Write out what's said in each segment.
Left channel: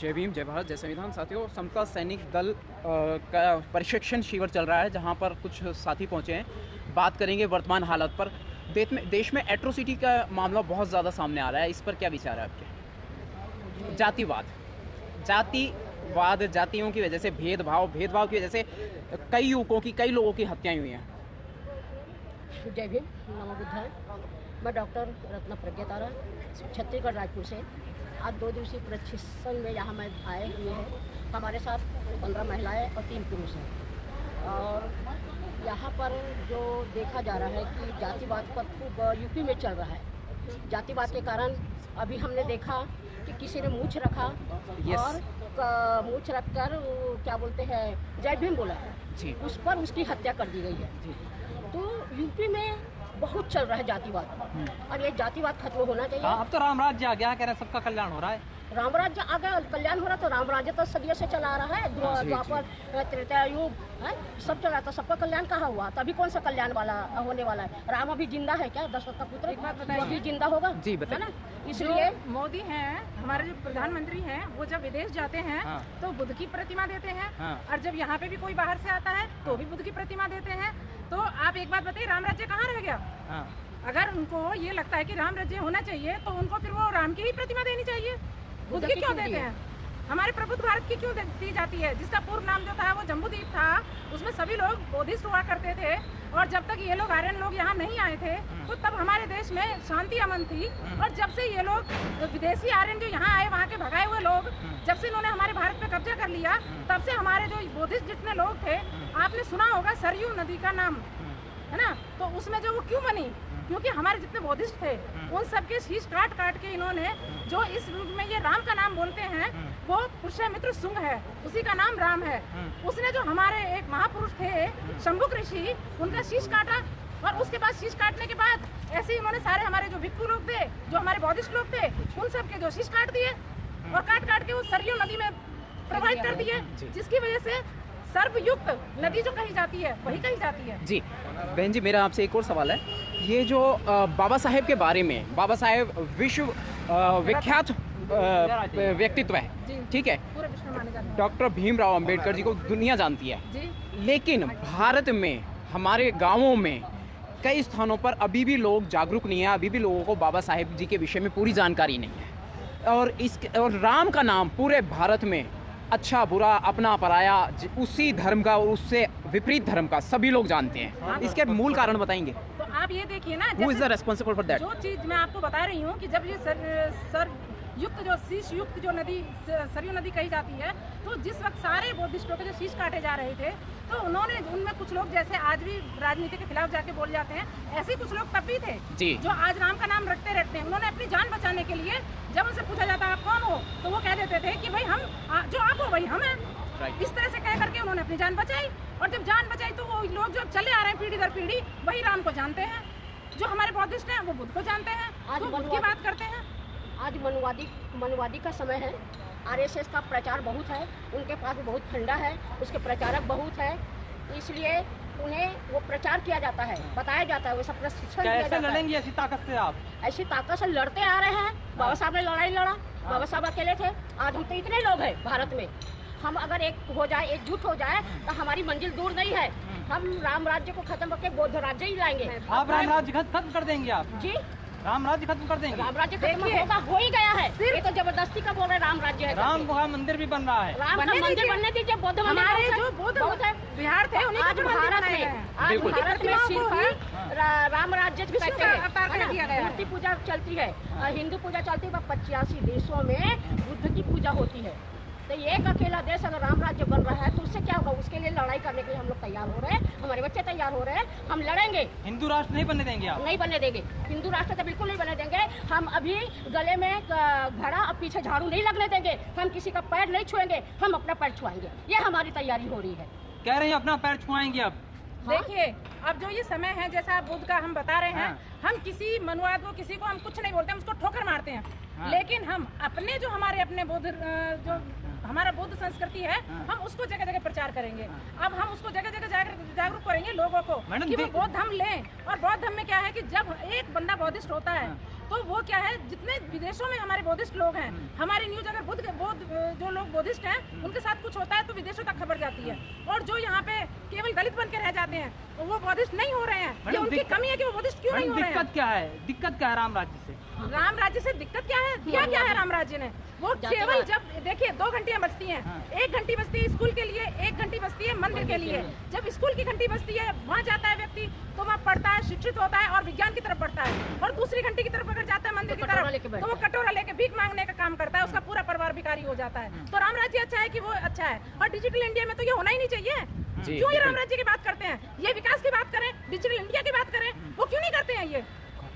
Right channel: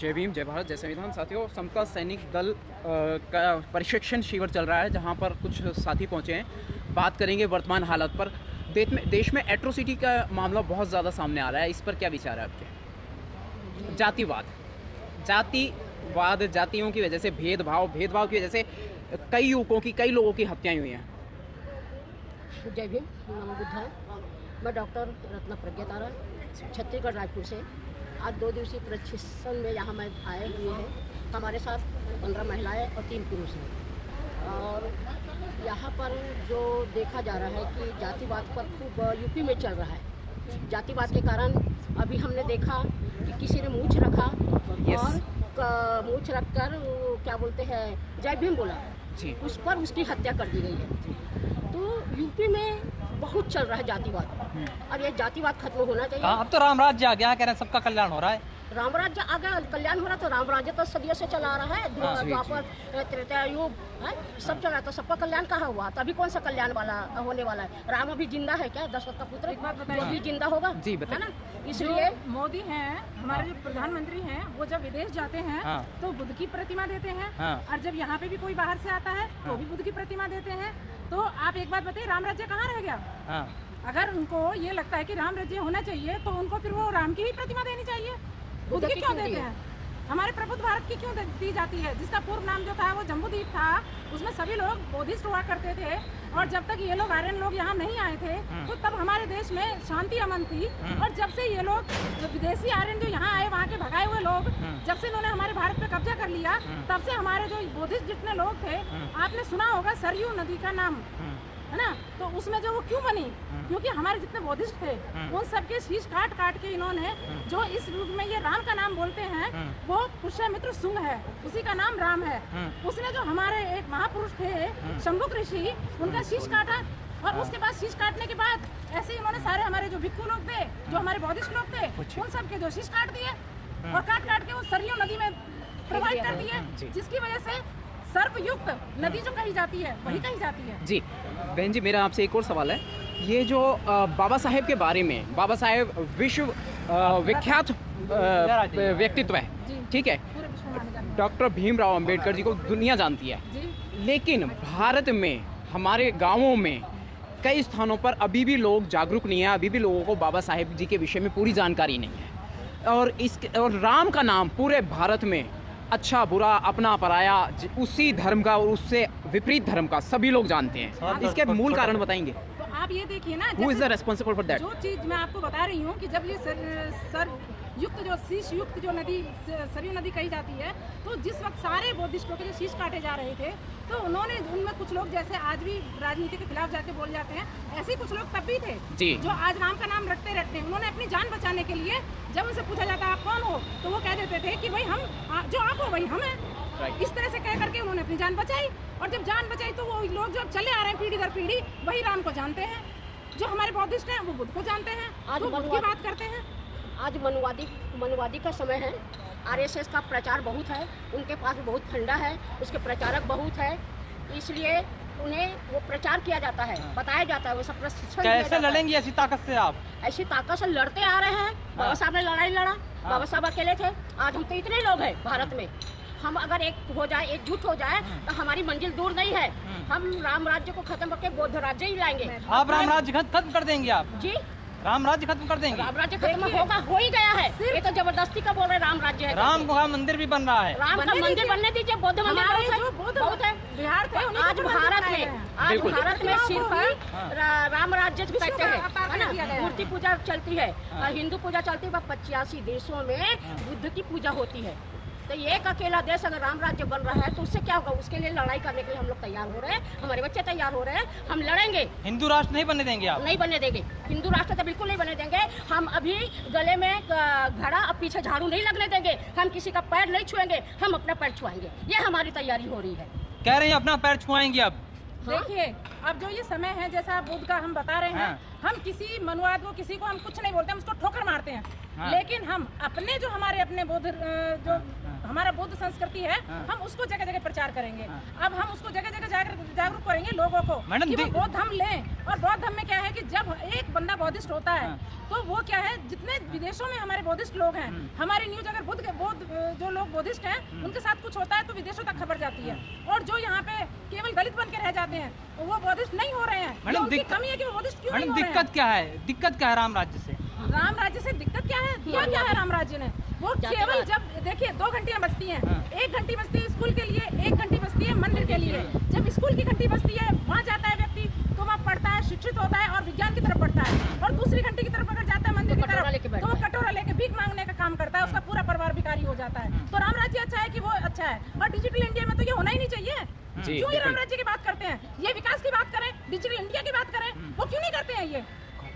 जय भीम, जय भारत, जय संविधान। साथियों, समता सैनिक दल का प्रशिक्षण शिविर चल रहा है, जहां पर कुछ साथी पहुंचे हैं। बात करेंगे वर्तमान हालत पर। देश में एट्रोसिटी का मामला बहुत ज़्यादा सामने आ रहा है। इस पर क्या विचार है आपके? जातिवाद, जातियों की वजह से भेदभाव की वजह से कई युवकों की, कई लोगों की हत्याएं हुई हैं। जय भीम, नमो बुद्धाय। मैं डॉक्टर रत्ना प्रज्ञा तारा, छत्तीसगढ़ रायपुर से। आज 2 दिवसीय प्रशिक्षण में यहाँ मैं आए हुए हैं। हमारे साथ 15 महिलाएं और 3 पुरुष हैं। और यहाँ पर जो देखा जा रहा है कि जातिवाद पर खूब यूपी में चल रहा है। जातिवाद के कारण अभी हमने देखा कि किसी ने मूंछ रखा और मूंछ रखकर क्या बोलते हैं, जय भीम बोला जी, उस पर उसकी हत्या कर दी गई है। तो यूपी में बहुत चल रहा है जातिवाद, और ये जातिवाद खत्म होना चाहिए। अब तो राम राज्य आ गया, कह रहे हैं सबका कल्याण हो रहा है। राम राज्य आ गया, कल्याण हो रहा, तो राम राज्य तो सदियों से चला आ रहा है। द्वापर, त्रेता युग है, सब चला, तो सबका कल्याण कहाँ हुआ? तभी कौन सा कल्याण वाला होने वाला है? राम अभी जिंदा है क्या? दशरथ का पुत्र वो अभी जिंदा होगा जी, बताइए ना। इसलिए मोदी हैं, हमारे जो प्रधानमंत्री हैं, वो जब विदेश जाते हैं तो बुद्ध की प्रतिमा देते हैं, और जब यहाँ पे भी कोई बाहर से आता है तो भी बुद्ध की प्रतिमा देते हैं। तो आप एक बात बताइए, राम राज्य कहाँ रह गया? अगर उनको ये लगता है कि राम राज्य होना चाहिए, तो उनको फिर वो राम की ही प्रतिमा देनी चाहिए। बुद्ध की क्यों देते हैं? हमारे प्रबुद्ध भारत की क्यों दी जाती है, जिसका पूर्व नाम जो था वो जम्बूद्वीप था। उसमें सभी लोग बोधिस्ट हुआ करते थे, और जब तक ये लोग आर्यन लोग यहाँ नहीं आए थे तो तब हमारे देश में शांति अमन थी। और जब से ये लोग विदेशी आर्यन जो यहाँ आए, वहाँ के भगाए हुए लोग, जब से इन्होंने हमारे भारत पे कब्जा कर लिया, तब से हमारे जो बोधिस्ट जितने लोग थे, आपने सुना होगा सरयू नदी का नाम, है ना? तो उसमें जो वो क्यों बनी? क्योंकि हमारे जितने बौद्धिस्ट थे, उन सबके शीश काट के इन्होंने, जो इस युग में ये राम का नाम बोलते हैं, वो पुष्यमित्र शुंग है, उसी का नाम राम है। उसने जो हमारे एक महापुरुष थे शंभुक ऋषि, उनका शीश काटा, और उसके बाद शीश काटने के बाद ऐसे ही उन्होंने सारे हमारे जो भिक्षु लोग थे, जो हमारे बौद्धिस्ट लोग थे, उन सबके जो शीश काट दिए, और काट के उस सरयू नदी में प्रवाहित कर दिए, जिसकी वजह से सर्वयुक्त नदी जो कही जाती है वही कही जाती है। जी बहन जी, मेरा आपसे एक और सवाल है। ये जो बाबा साहेब के बारे में, बाबा साहेब विश्व विख्यात व्यक्तित्व है, ठीक है, डॉक्टर भीमराव अंबेडकर जी को दुनिया जानती है, लेकिन भारत में, हमारे गांवों में कई स्थानों पर अभी भी लोग जागरूक नहीं है। अभी भी लोगों को बाबा साहेब जी के विषय में पूरी जानकारी नहीं है। और राम का नाम पूरे भारत में अच्छा बुरा, अपना पराया, उसी धर्म का और उससे विपरीत धर्म का सभी लोग जानते हैं। इसके मूल कारण बताएंगे? तो आप ये देखिए ना, Who is the responsible for that? जो चीज मैं आपको बता रही हूँ कि जब ये सर युक्त जो शीश युक्त जो नदी सरयू नदी कही जाती है, तो जिस वक्त सारे बौद्धिस्टों के जो शीश काटे जा रहे थे, तो उन्होंने, उनमें कुछ लोग जैसे आज भी राजनीति के खिलाफ जाके बोल जाते हैं, ऐसे ही कुछ लोग तब भी थे जी, जो आज राम का नाम रटते रहते हैं। उन्होंने अपनी जान बचाने के लिए, जब उनसे पूछा जाता है आप कौन हो, तो वो कह देते थे कि भाई हम, जो आप हो वही हम हैं। इस तरह से कह करके उन्होंने अपनी जान बचाई, और जब जान बचाई तो वो लोग जो चले आ रहे हैं पीढ़ी दर पीढ़ी, वही राम को जानते हैं। जो हमारे बौद्धिस्ट हैं वो बुद्ध को जानते हैं, तो बुद्ध की बात करते हैं। आज मनुवादी का समय है। आरएसएस का प्रचार बहुत है, उनके पास बहुत फंडा है, उसके प्रचारक बहुत है, इसलिए उन्हें वो प्रचार किया जाता है, बताया जाता है, वो सब प्रशिक्षण दिया जाता है। कैसे लड़ेंगे ऐसी ताकत से आप? ऐसी ताकत से लड़ते आ रहे हैं। बाबा साहब ने लड़ाई लड़ा, बाबा साहब अकेले थे। आज हम तो इतने लोग हैं भारत में, हम अगर एक हो जाए, एकजुट हो जाए, तो हमारी मंजिल दूर नहीं है। हम राम राज्य को खत्म करके बौद्ध राज्य ही लाएंगे। आप राम राज्य खत्म कर देंगे? आप जी, राम राज्य खत्म कर देंगे? राम राज्य खत्म होगा, हो ही गया है। ये तो जबरदस्ती का बोल रहे राम राज्य है। राम का मंदिर भी बन रहा है। राम का मंदिर बनने दीजिए। बौद्ध हमारे जो बौद्ध है बिहार थे, आज भारत में सिर्फ राम राज्य कहते हैं। मूर्ति पूजा चलती है, हिंदू पूजा चलती है। 85 देशों में बुद्ध की पूजा होती है। तो एक अकेला देश अगर राम राज्य बन रहा है, तो उससे क्या होगा? उसके लिए लड़ाई करने के लिए हम लोग तैयार हो रहे हैं, हमारे बच्चे तैयार हो रहे हैं। हम लड़ेंगे। हिंदू राष्ट्र नहीं बनने देंगे आप? नहीं बनने देंगे। हिंदू राष्ट्र तो बिल्कुल नहीं बनने देंगे। हम अभी गले में घड़ा और पीछे झाड़ू नहीं लगने देंगे। हम किसी का पैर नहीं छुएंगे, हम अपने पैर छुआएंगे। ये हमारी तैयारी हो रही है। कह रहे हैं अपना पैर छुआएंगे अब? देखिए, अब जो ये समय है, जैसा आप बुद्ध का हम बता रहे हैं, हम किसी मनुवाद को, किसी को हम कुछ नहीं बोलते, हम उसको ठोकर मारते हैं। लेकिन हम अपने जो हमारे अपने बौद्ध, जो हमारा बौद्ध संस्कृति है, हम उसको जगह जगह प्रचार करेंगे। अब हम उसको जगह जगह जागरूक करेंगे लोगों को कि वो बौद्ध धर्म लें। और बौद्ध धर्म में क्या है कि जब एक बंदा बौद्धिस्ट होता है, तो वो क्या है, जितने विदेशों में हमारे बौद्धिस्ट लोग हैं, हमारी न्यूज अगर बुद्ध जो लोग बुद्धिस्ट हैं उनके साथ कुछ होता है तो विदेशों तक खबर जाती है, और जो यहाँ पे केवल दलित बन के रह जाते हैं वो बुद्धिस्ट नहीं हो रहे हैं। ये उनकी कमी है कि वो बुद्धिस्ट क्यों नहीं हो रहे हैं। दिक्कत क्या है, दिक्कत क्या है राम राज्य से? राम राज्य से दिक्कत क्या है, क्या है राम राज्य ने? वो केवल जब देखिए 2 घंटियां बजती हैं, 1 घंटी बजती है स्कूल के लिए, 1 घंटी बजती है मंदिर के लिए। जब स्कूल की घंटी बजती है वहाँ जाता है व्यक्ति तो वहाँ पढ़ता है, शिक्षित होता है और विज्ञान की तरफ पढ़ता है, और दूसरी घंटी की तरफ अगर जाता है मंदिर की तरफ तो वो कटोरा लेके भीख मांगने का काम करता है, उसका पूरा परिवार भिखारी हो जाता है। तो राम राज्य अच्छा है कि वो अच्छा है? और डिजिटल इंडिया में तो ये होना ही नहीं चाहिए। क्यों ये राम राज्य की बात करते हैं? ये विकास की बात करें, डिजिटल इंडिया की बात करें, वो क्यों नहीं करते हैं ये?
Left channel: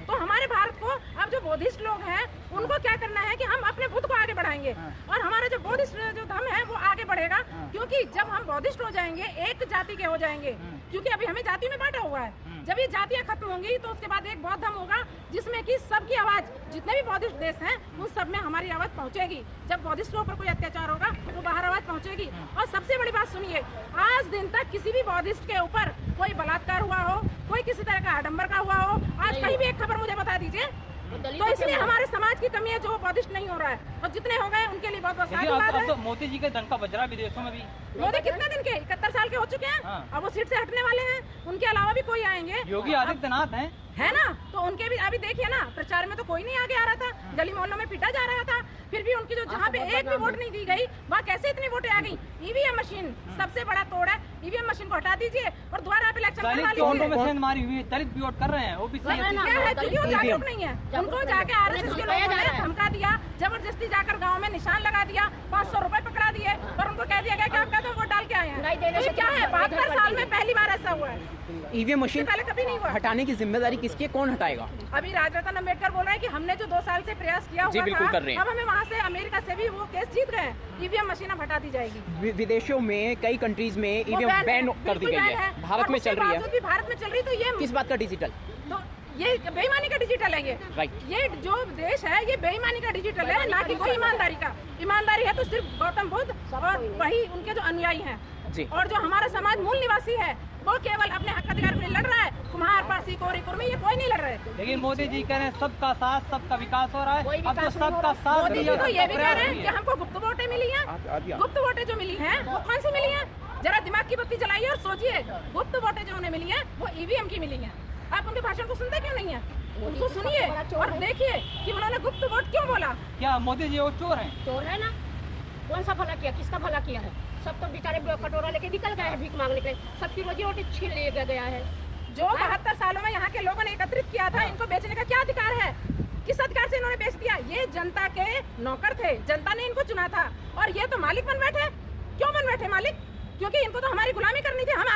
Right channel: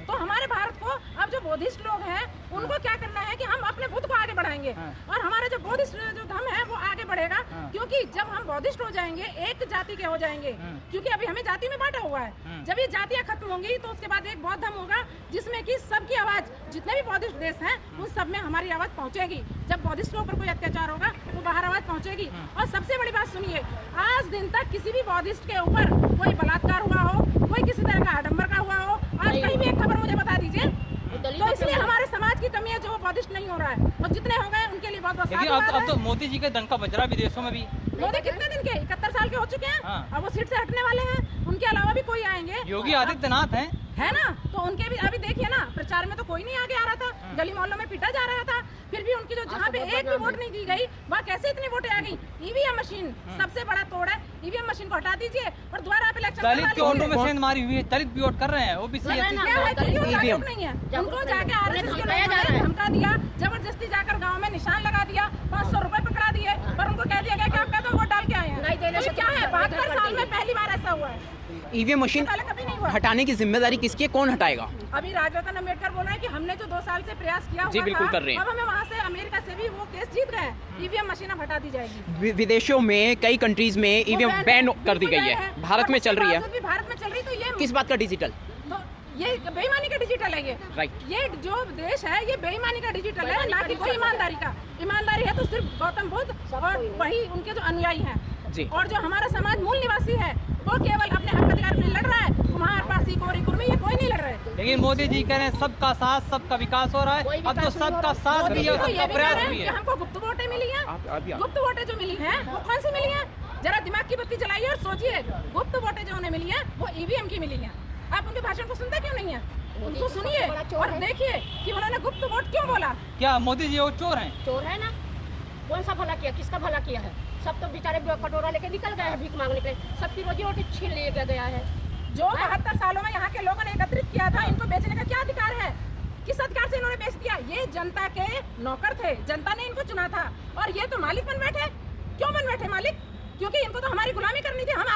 तो हमारे भारत को अब जो बौद्धिस्ट लोग हैं उनको क्या करना है कि हम अपने बुद्ध को आगे बढ़ाएंगे, और हमारा जो बौद्धिस्ट जो धर्म है वो आगे बढ़ेगा। क्योंकि जब हम बौद्धिस्ट हो जाएंगे, एक जाति के हो जाएंगे, क्योंकि अभी हमें जाति में बांटा हुआ है। जब ये जातियां खत्म होंगी तो उसके बाद एक बौद्ध धर्म होगा जिसमें कि सबकी आवाज, जितने भी बौद्धिस्ट देश हैं उन सब में हमारी आवाज पहुंचेगी। जब बौद्धिस्ट लोगों पर कोई अत्याचार होगा तो बाहर आवाज पहुंचेगी। और सबसे बड़ी बात सुनिए, आज दिन तक किसी भी बौद्धिस्ट के ऊपर कोई बलात्कार हुआ हो, कोई किसी तरह का आडंबर का हुआ हो, आज कहीं भी एक खबर मुझे बता दीजिए। तो इसलिए हमारे समाज की कमी है जो बौद्धिस्ट नहीं हो रहा है, और जितने हो गए उनके लिए बहुत बहुत साधुवाद है। तो मोदी जी के धन का बजरा विदेशों में भी, मोदी कितने दिन के 71 साल के हो चुके हैं, अब वो सीट से हटने वाले हैं। उनके अलावा भी कोई आएंगे, योगी आदित्यनाथ है ना, तो उनके भी अभी देखिए ना, प्रचार में तो कोई नहीं आगे आ रहा था, गली मोहल्लों में पीटा जा रहा था, फिर भी उनकी जो जहाँ पे एक भी वोट नहीं दी गई वहाँ कैसे इतनी वोटें आ गई। ईवीएम मशीन सबसे बड़ा तोड़ है, ईवीएम मशीन को हटा दीजिए और दोबारा आप इलेक्शन करवा लीजिए। हमारी हुई है, दलित भी वोट कर रहे हैं, ओबीसी क्या है, क्योंकि वो जागरूक नहीं है। उनको जाके आरएसएस के लोगों ने धमका दिया, जबरदस्ती जाकर गाँव में निशान लगा दिया, 500 रुपए पकड़ा दिए और उनको कह दिया गया कि आपका तो वोट डाल के आए हैं। तो क्या है, 72 साल में पहली बार ऐसा हुआ है। ईवीएम मशीन पहले कभी नहीं हुआ। हटाने की जिम्मेदारी किसकी है, कौन हटाएगा? अभी राजरत्न अम्बेडकर बोल रहे हैं कि हमने जो 2 साल से प्रयास किया हुआ बिल्कुल था, कर रहे हैं। अब हमें वहाँ से अमेरिका से भी वो केस जीत गए, ईवीएम मशीन अब हटा दी जाएगी। विदेशों में कई कंट्रीज में ईवीएम बैन कर दी गई है, भारत में चल रही है। भारत में चल रही, तो ये किस बात का डिजिटल? तो ये बेईमानी का डिजिटल है। ये राइट, ये जो देश है ये बेईमानी का डिजिटल है, ना कि कोई ईमानदारी का। ईमानदारी है तो सिर्फ गौतम बुद्ध और वही उनके जो अनुयायी हैं, और जो हमारा समाज मूल निवासी है वो केवल अपने हक अधिकार के लिए लड़ रहा है। कुम्हार, पासी, कोरी, कुर्मी, ये कोई नहीं लड़ रहे। लेकिन मोदी जी कह रहे हैं सबका साथ, सबका विकास हो रहा है। अब तो सबका साथ मोदी जी तो ये भी कह रहे हैं कि हमको गुप्त वोटें मिली हैं। गुप्त वोटें जो मिली हैं वो कौन सी मिली हैं? जरा दिमाग की बत्ती जलाइए और सोचिए। गुप्त वोटें जो उन्हें मिली हैं वो ईवीएम की मिली हैं। आप उनके भाषण को सुनते क्यों नहीं है? उनको सुनिए और देखिए कि उन्होंने गुप्त वोट क्यों बोला। क्या मोदी जी वो चोर हैं? चोर है ना, कौन सा भला किया, किसका भला किया है? सब तो बेचारे कटोरा लेके निकल गए हैं भीख मांगने के लिए, सबकी रोजी रोटी छीन ले गया है। जो 72 सालों में यहाँ के लोगों ने एकत्रित किया था, इनको बेचने का क्या अधिकार है? किस अधिकार से इन्होंने बेच दिया? ये जनता के नौकर थे, जनता ने इनको चुना था, और ये तो मालिक बन बैठे। क्यों बन बैठे मालिक? क्योंकि इनको तो हमारी गुलामी करनी थी। हम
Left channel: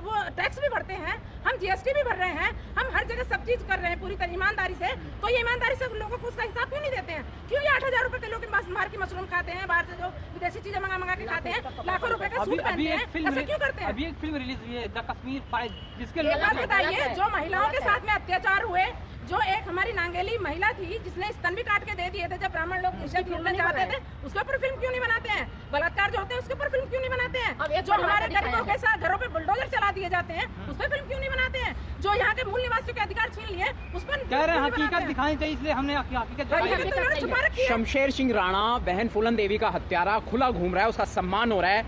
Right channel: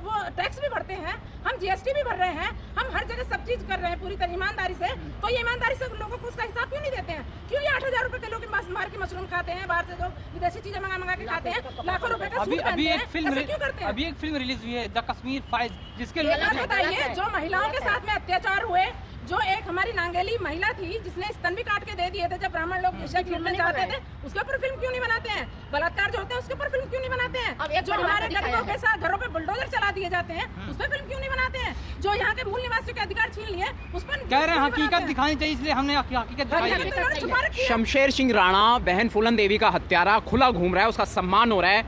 वो टैक्स भी भरते हैं, हम जीएसटी भी भर रहे हैं, हम हर जगह सब चीज कर रहे हैं पूरी तरह ईमानदारी से। तो ये ईमानदारी से लोगों को उसका हिसाब क्यों नहीं देते हैं? क्यों ये 8,000 रुपए के लोग बाहर की मशरूम खाते हैं, बाहर से जो विदेशी चीजें मंगा के खाते हैं, लाखों रुपए का सूट पहनते हैं, ऐसा क्यों करते हैं? अभी एक फिल्म रिलीज हुई है द कश्मीर फाइल्स, जिसके एक बात बताइए, जो महिलाओं के साथ में अत्याचार हुए, जो एक हमारी नांगेली महिला थी जिसने स्तन भी काट के दे दिए थे जब ब्राह्मण लोग इज्जत लूटने चाहते थे, उसके ऊपर फिल्म क्यों नहीं बनाते हैं? बलात्कार जो होते हैं उसके ऊपर फिल्म क्यों नहीं बनाते हैं? जो हमारे गरीबों के साथ घरों पे बुलडोजर चला दिए जाते हैं उस पर फिल्म क्यों नहीं बनाते हैं? जो यहाँ के मूल निवासियों के अधिकार छीन लिए उस पर कह रहे हैं हकीकत दिखानी चाहिए, इसलिए हमने हकीकत छुपा रखी है। शमशेर सिंह राणा बहन फूलन देवी का हत्यारा खुला घूम रहा है, उसका सम्मान हो रहा है,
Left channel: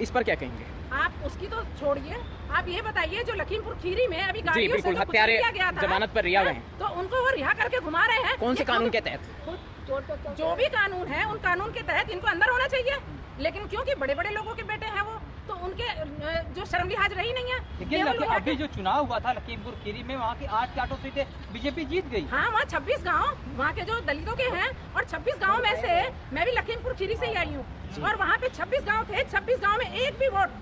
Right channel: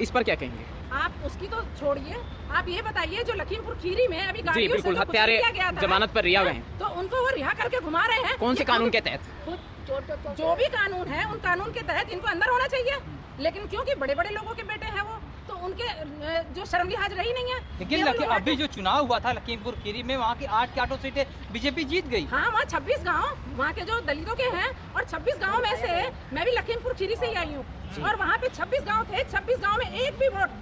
इस पर क्या कहेंगे? आप उसकी तो छोड़िए, आप ये बताइए जो लखीमपुर खीरी में अभी गाड़ियों से बिल्कुल हत्यारे जमानत पर रिहा हुए, तो उनको वो रिहा करके घुमा रहे हैं। कौन से कानून के तहत? जो भी कानून है उन कानून के तहत इनको अंदर होना चाहिए। लेकिन क्योंकि बड़े बड़े लोगों के बेटे हैं वो, तो उनके जो शर्म लिहाज रही नहीं है। लेकिन अभी जो चुनाव हुआ था लखीमपुर खीरी में, वहाँ की 8 की 8 सीटें बीजेपी जीत गई। हाँ, वहाँ 26 गाँव वहाँ के जो दलितों के हैं, और 26 गाँव में से मैं भी लखीमपुर खीरी से ही आई हूँ, और वहाँ पे 26 गाँव थे, 26 गाँव में एक भी वोट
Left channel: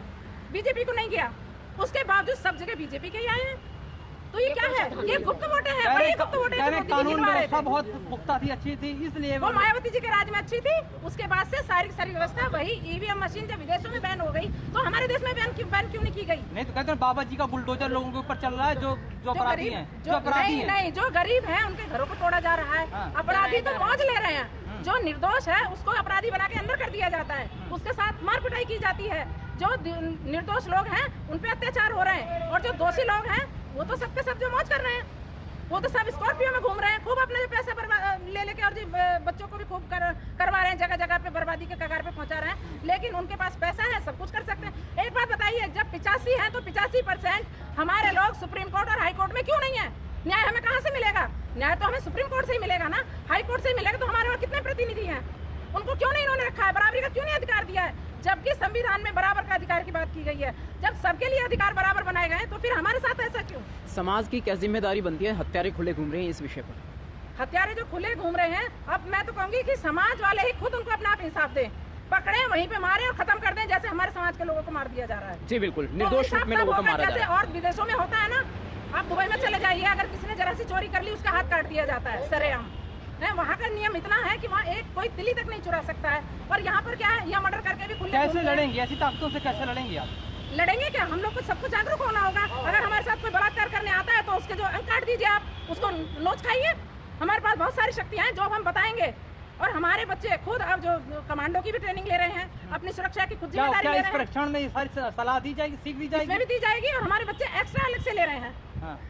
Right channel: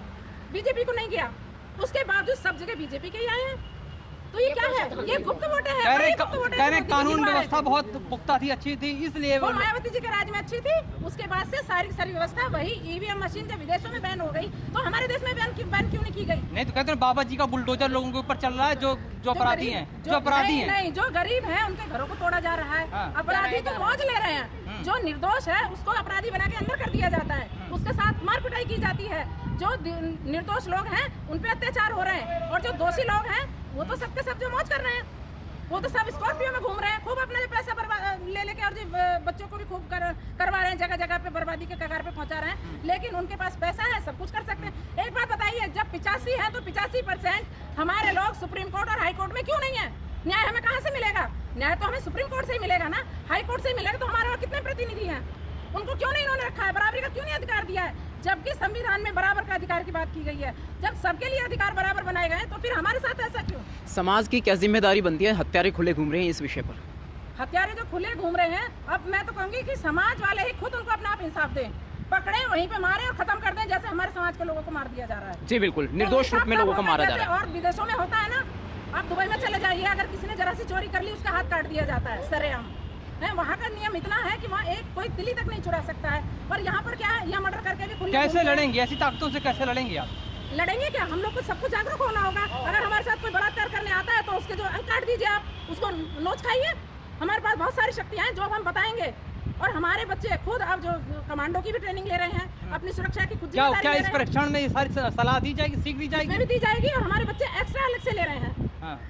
बीजेपी को नहीं गया। उसके बावजूद सब जगह बीजेपी के ही आए हैं। तो ये क्या है? ये गुप्त वोटें हैं, बड़ी गुप्त वोटें हैं। कानून व्यवस्था बहुत पुख्ता थी, अच्छी थी, इसलिए वो मायावती जी के राज में अच्छी थी। उसके बाद से सारी व्यवस्था वही ईवीएम मशीन जब विदेशों में बैन हो गई तो हमारे देश में बैन क्यों नहीं की गई? नहीं तो कहते हैं बाबा जी का बुलडोजर लोगों के ऊपर चल रहा है, जो अपराधी हैं, जो अपराधी हैं। नहीं, जो गरीब हैं उनके घरों को तोड़ा जा रहा है। अपराधी तो मौज ले रहे हैं, जो निर्दोष है उसको अपराधी बना के अंदर कर दिया जाता है, उसके साथ मार पिटाई की जाती है। जो निर्दोष लोग हैं उन पे अत्याचार हो रहे हैं, और जो दोषी लोग हैं वो तो सबके सब जो मौज कर रहे हैं। वो तो सब स्कॉर्पियो में घूम रहे हैं, खूब अपने पैसा ले लेके और बच्चों को भी खूब करवा रहे हैं, जगह जगह पे बर्बादी के कगार पे पहुंचा रहे हैं। लेकिन उनके पास पैसा है, सब कुछ कर सकते हैं। एक बात बताइए, जब 85 है तो 85% हमारे लोग सुप्रीम कोर्ट और हाई कोर्ट में क्यों नहीं है? न्याय हमें कहाँ से मिलेगा? न्याय तो हमें सुप्रीम कोर्ट से ही मिलेगा ना, हाई कोर्ट से ही मिलेगा। तो हमारे वहाँ कितने प्रतिनिधि हैं, उनको क्यों नहीं इन्होंने रखा है? बराबरी का क्यों नहीं अधिकार दिया है? जबकि संविधान में बराबर का अधिकार की बात की गई है। जब सबके लिए अधिकार बराबर बनाए गए तो फिर हमारे साथ ऐसा क्यों? समाज की क्या जिम्मेदारी बनती है? हत्यारे खुले घूम रहे हैं इस विषय पर। हत्यारे जो खुले घूम रहे हैं, अब मैं तो कहूंगी कि समाज वाले ही खुद उनको अपना आप इंसाफ दें, पकड़े वहीं पे मारे और खत्म कर दें, जैसे हमारे समाज के लोगों को मार दिया जा रहा है। जी बिल्कुल, निर्दोष रूप में लोगों को मारा जा रहा है। और विदेशों में होता है ना, आप दुबई में चले जाइए, अगर किसी ने जरा सी चोरी कर ली उसका हाथ काट दिया जाता है सरेआम। वहाँ का नियम इतना है कि वहाँ एक कोई तिली तक नहीं चुरा सकता है। और यहाँ पर क्या है, यहाँ मर्डर करके भी खुले कैसे लड़ेंगे? ऐसी ताकतों से कैसे लड़ेंगे आप? लड़ेंगे क्या? हम लोग को सबको जागरूक होना होगा। अगर हमारे साथ कोई बलात्कार करने आता है तो उसके जो अंक काट दीजिए, आप उसको नोच खाइए। हमारे पास बहुत सारी शक्तियाँ हैं जो हम बताएंगे। और हमारे बच्चे खुद अब जो कमांडो की भी ट्रेनिंग ले रहे हैं, अपनी सुरक्षा की खुद जिम्मेदारी ले रहे हैं। इस परीक्षण में ये सारी सलाह दी जाएगी, सीख दी जाएगी? इसमें भी दी जाएगी। और हमारे बच्चे एक्स्ट्रा अलग से ले रहे हैं,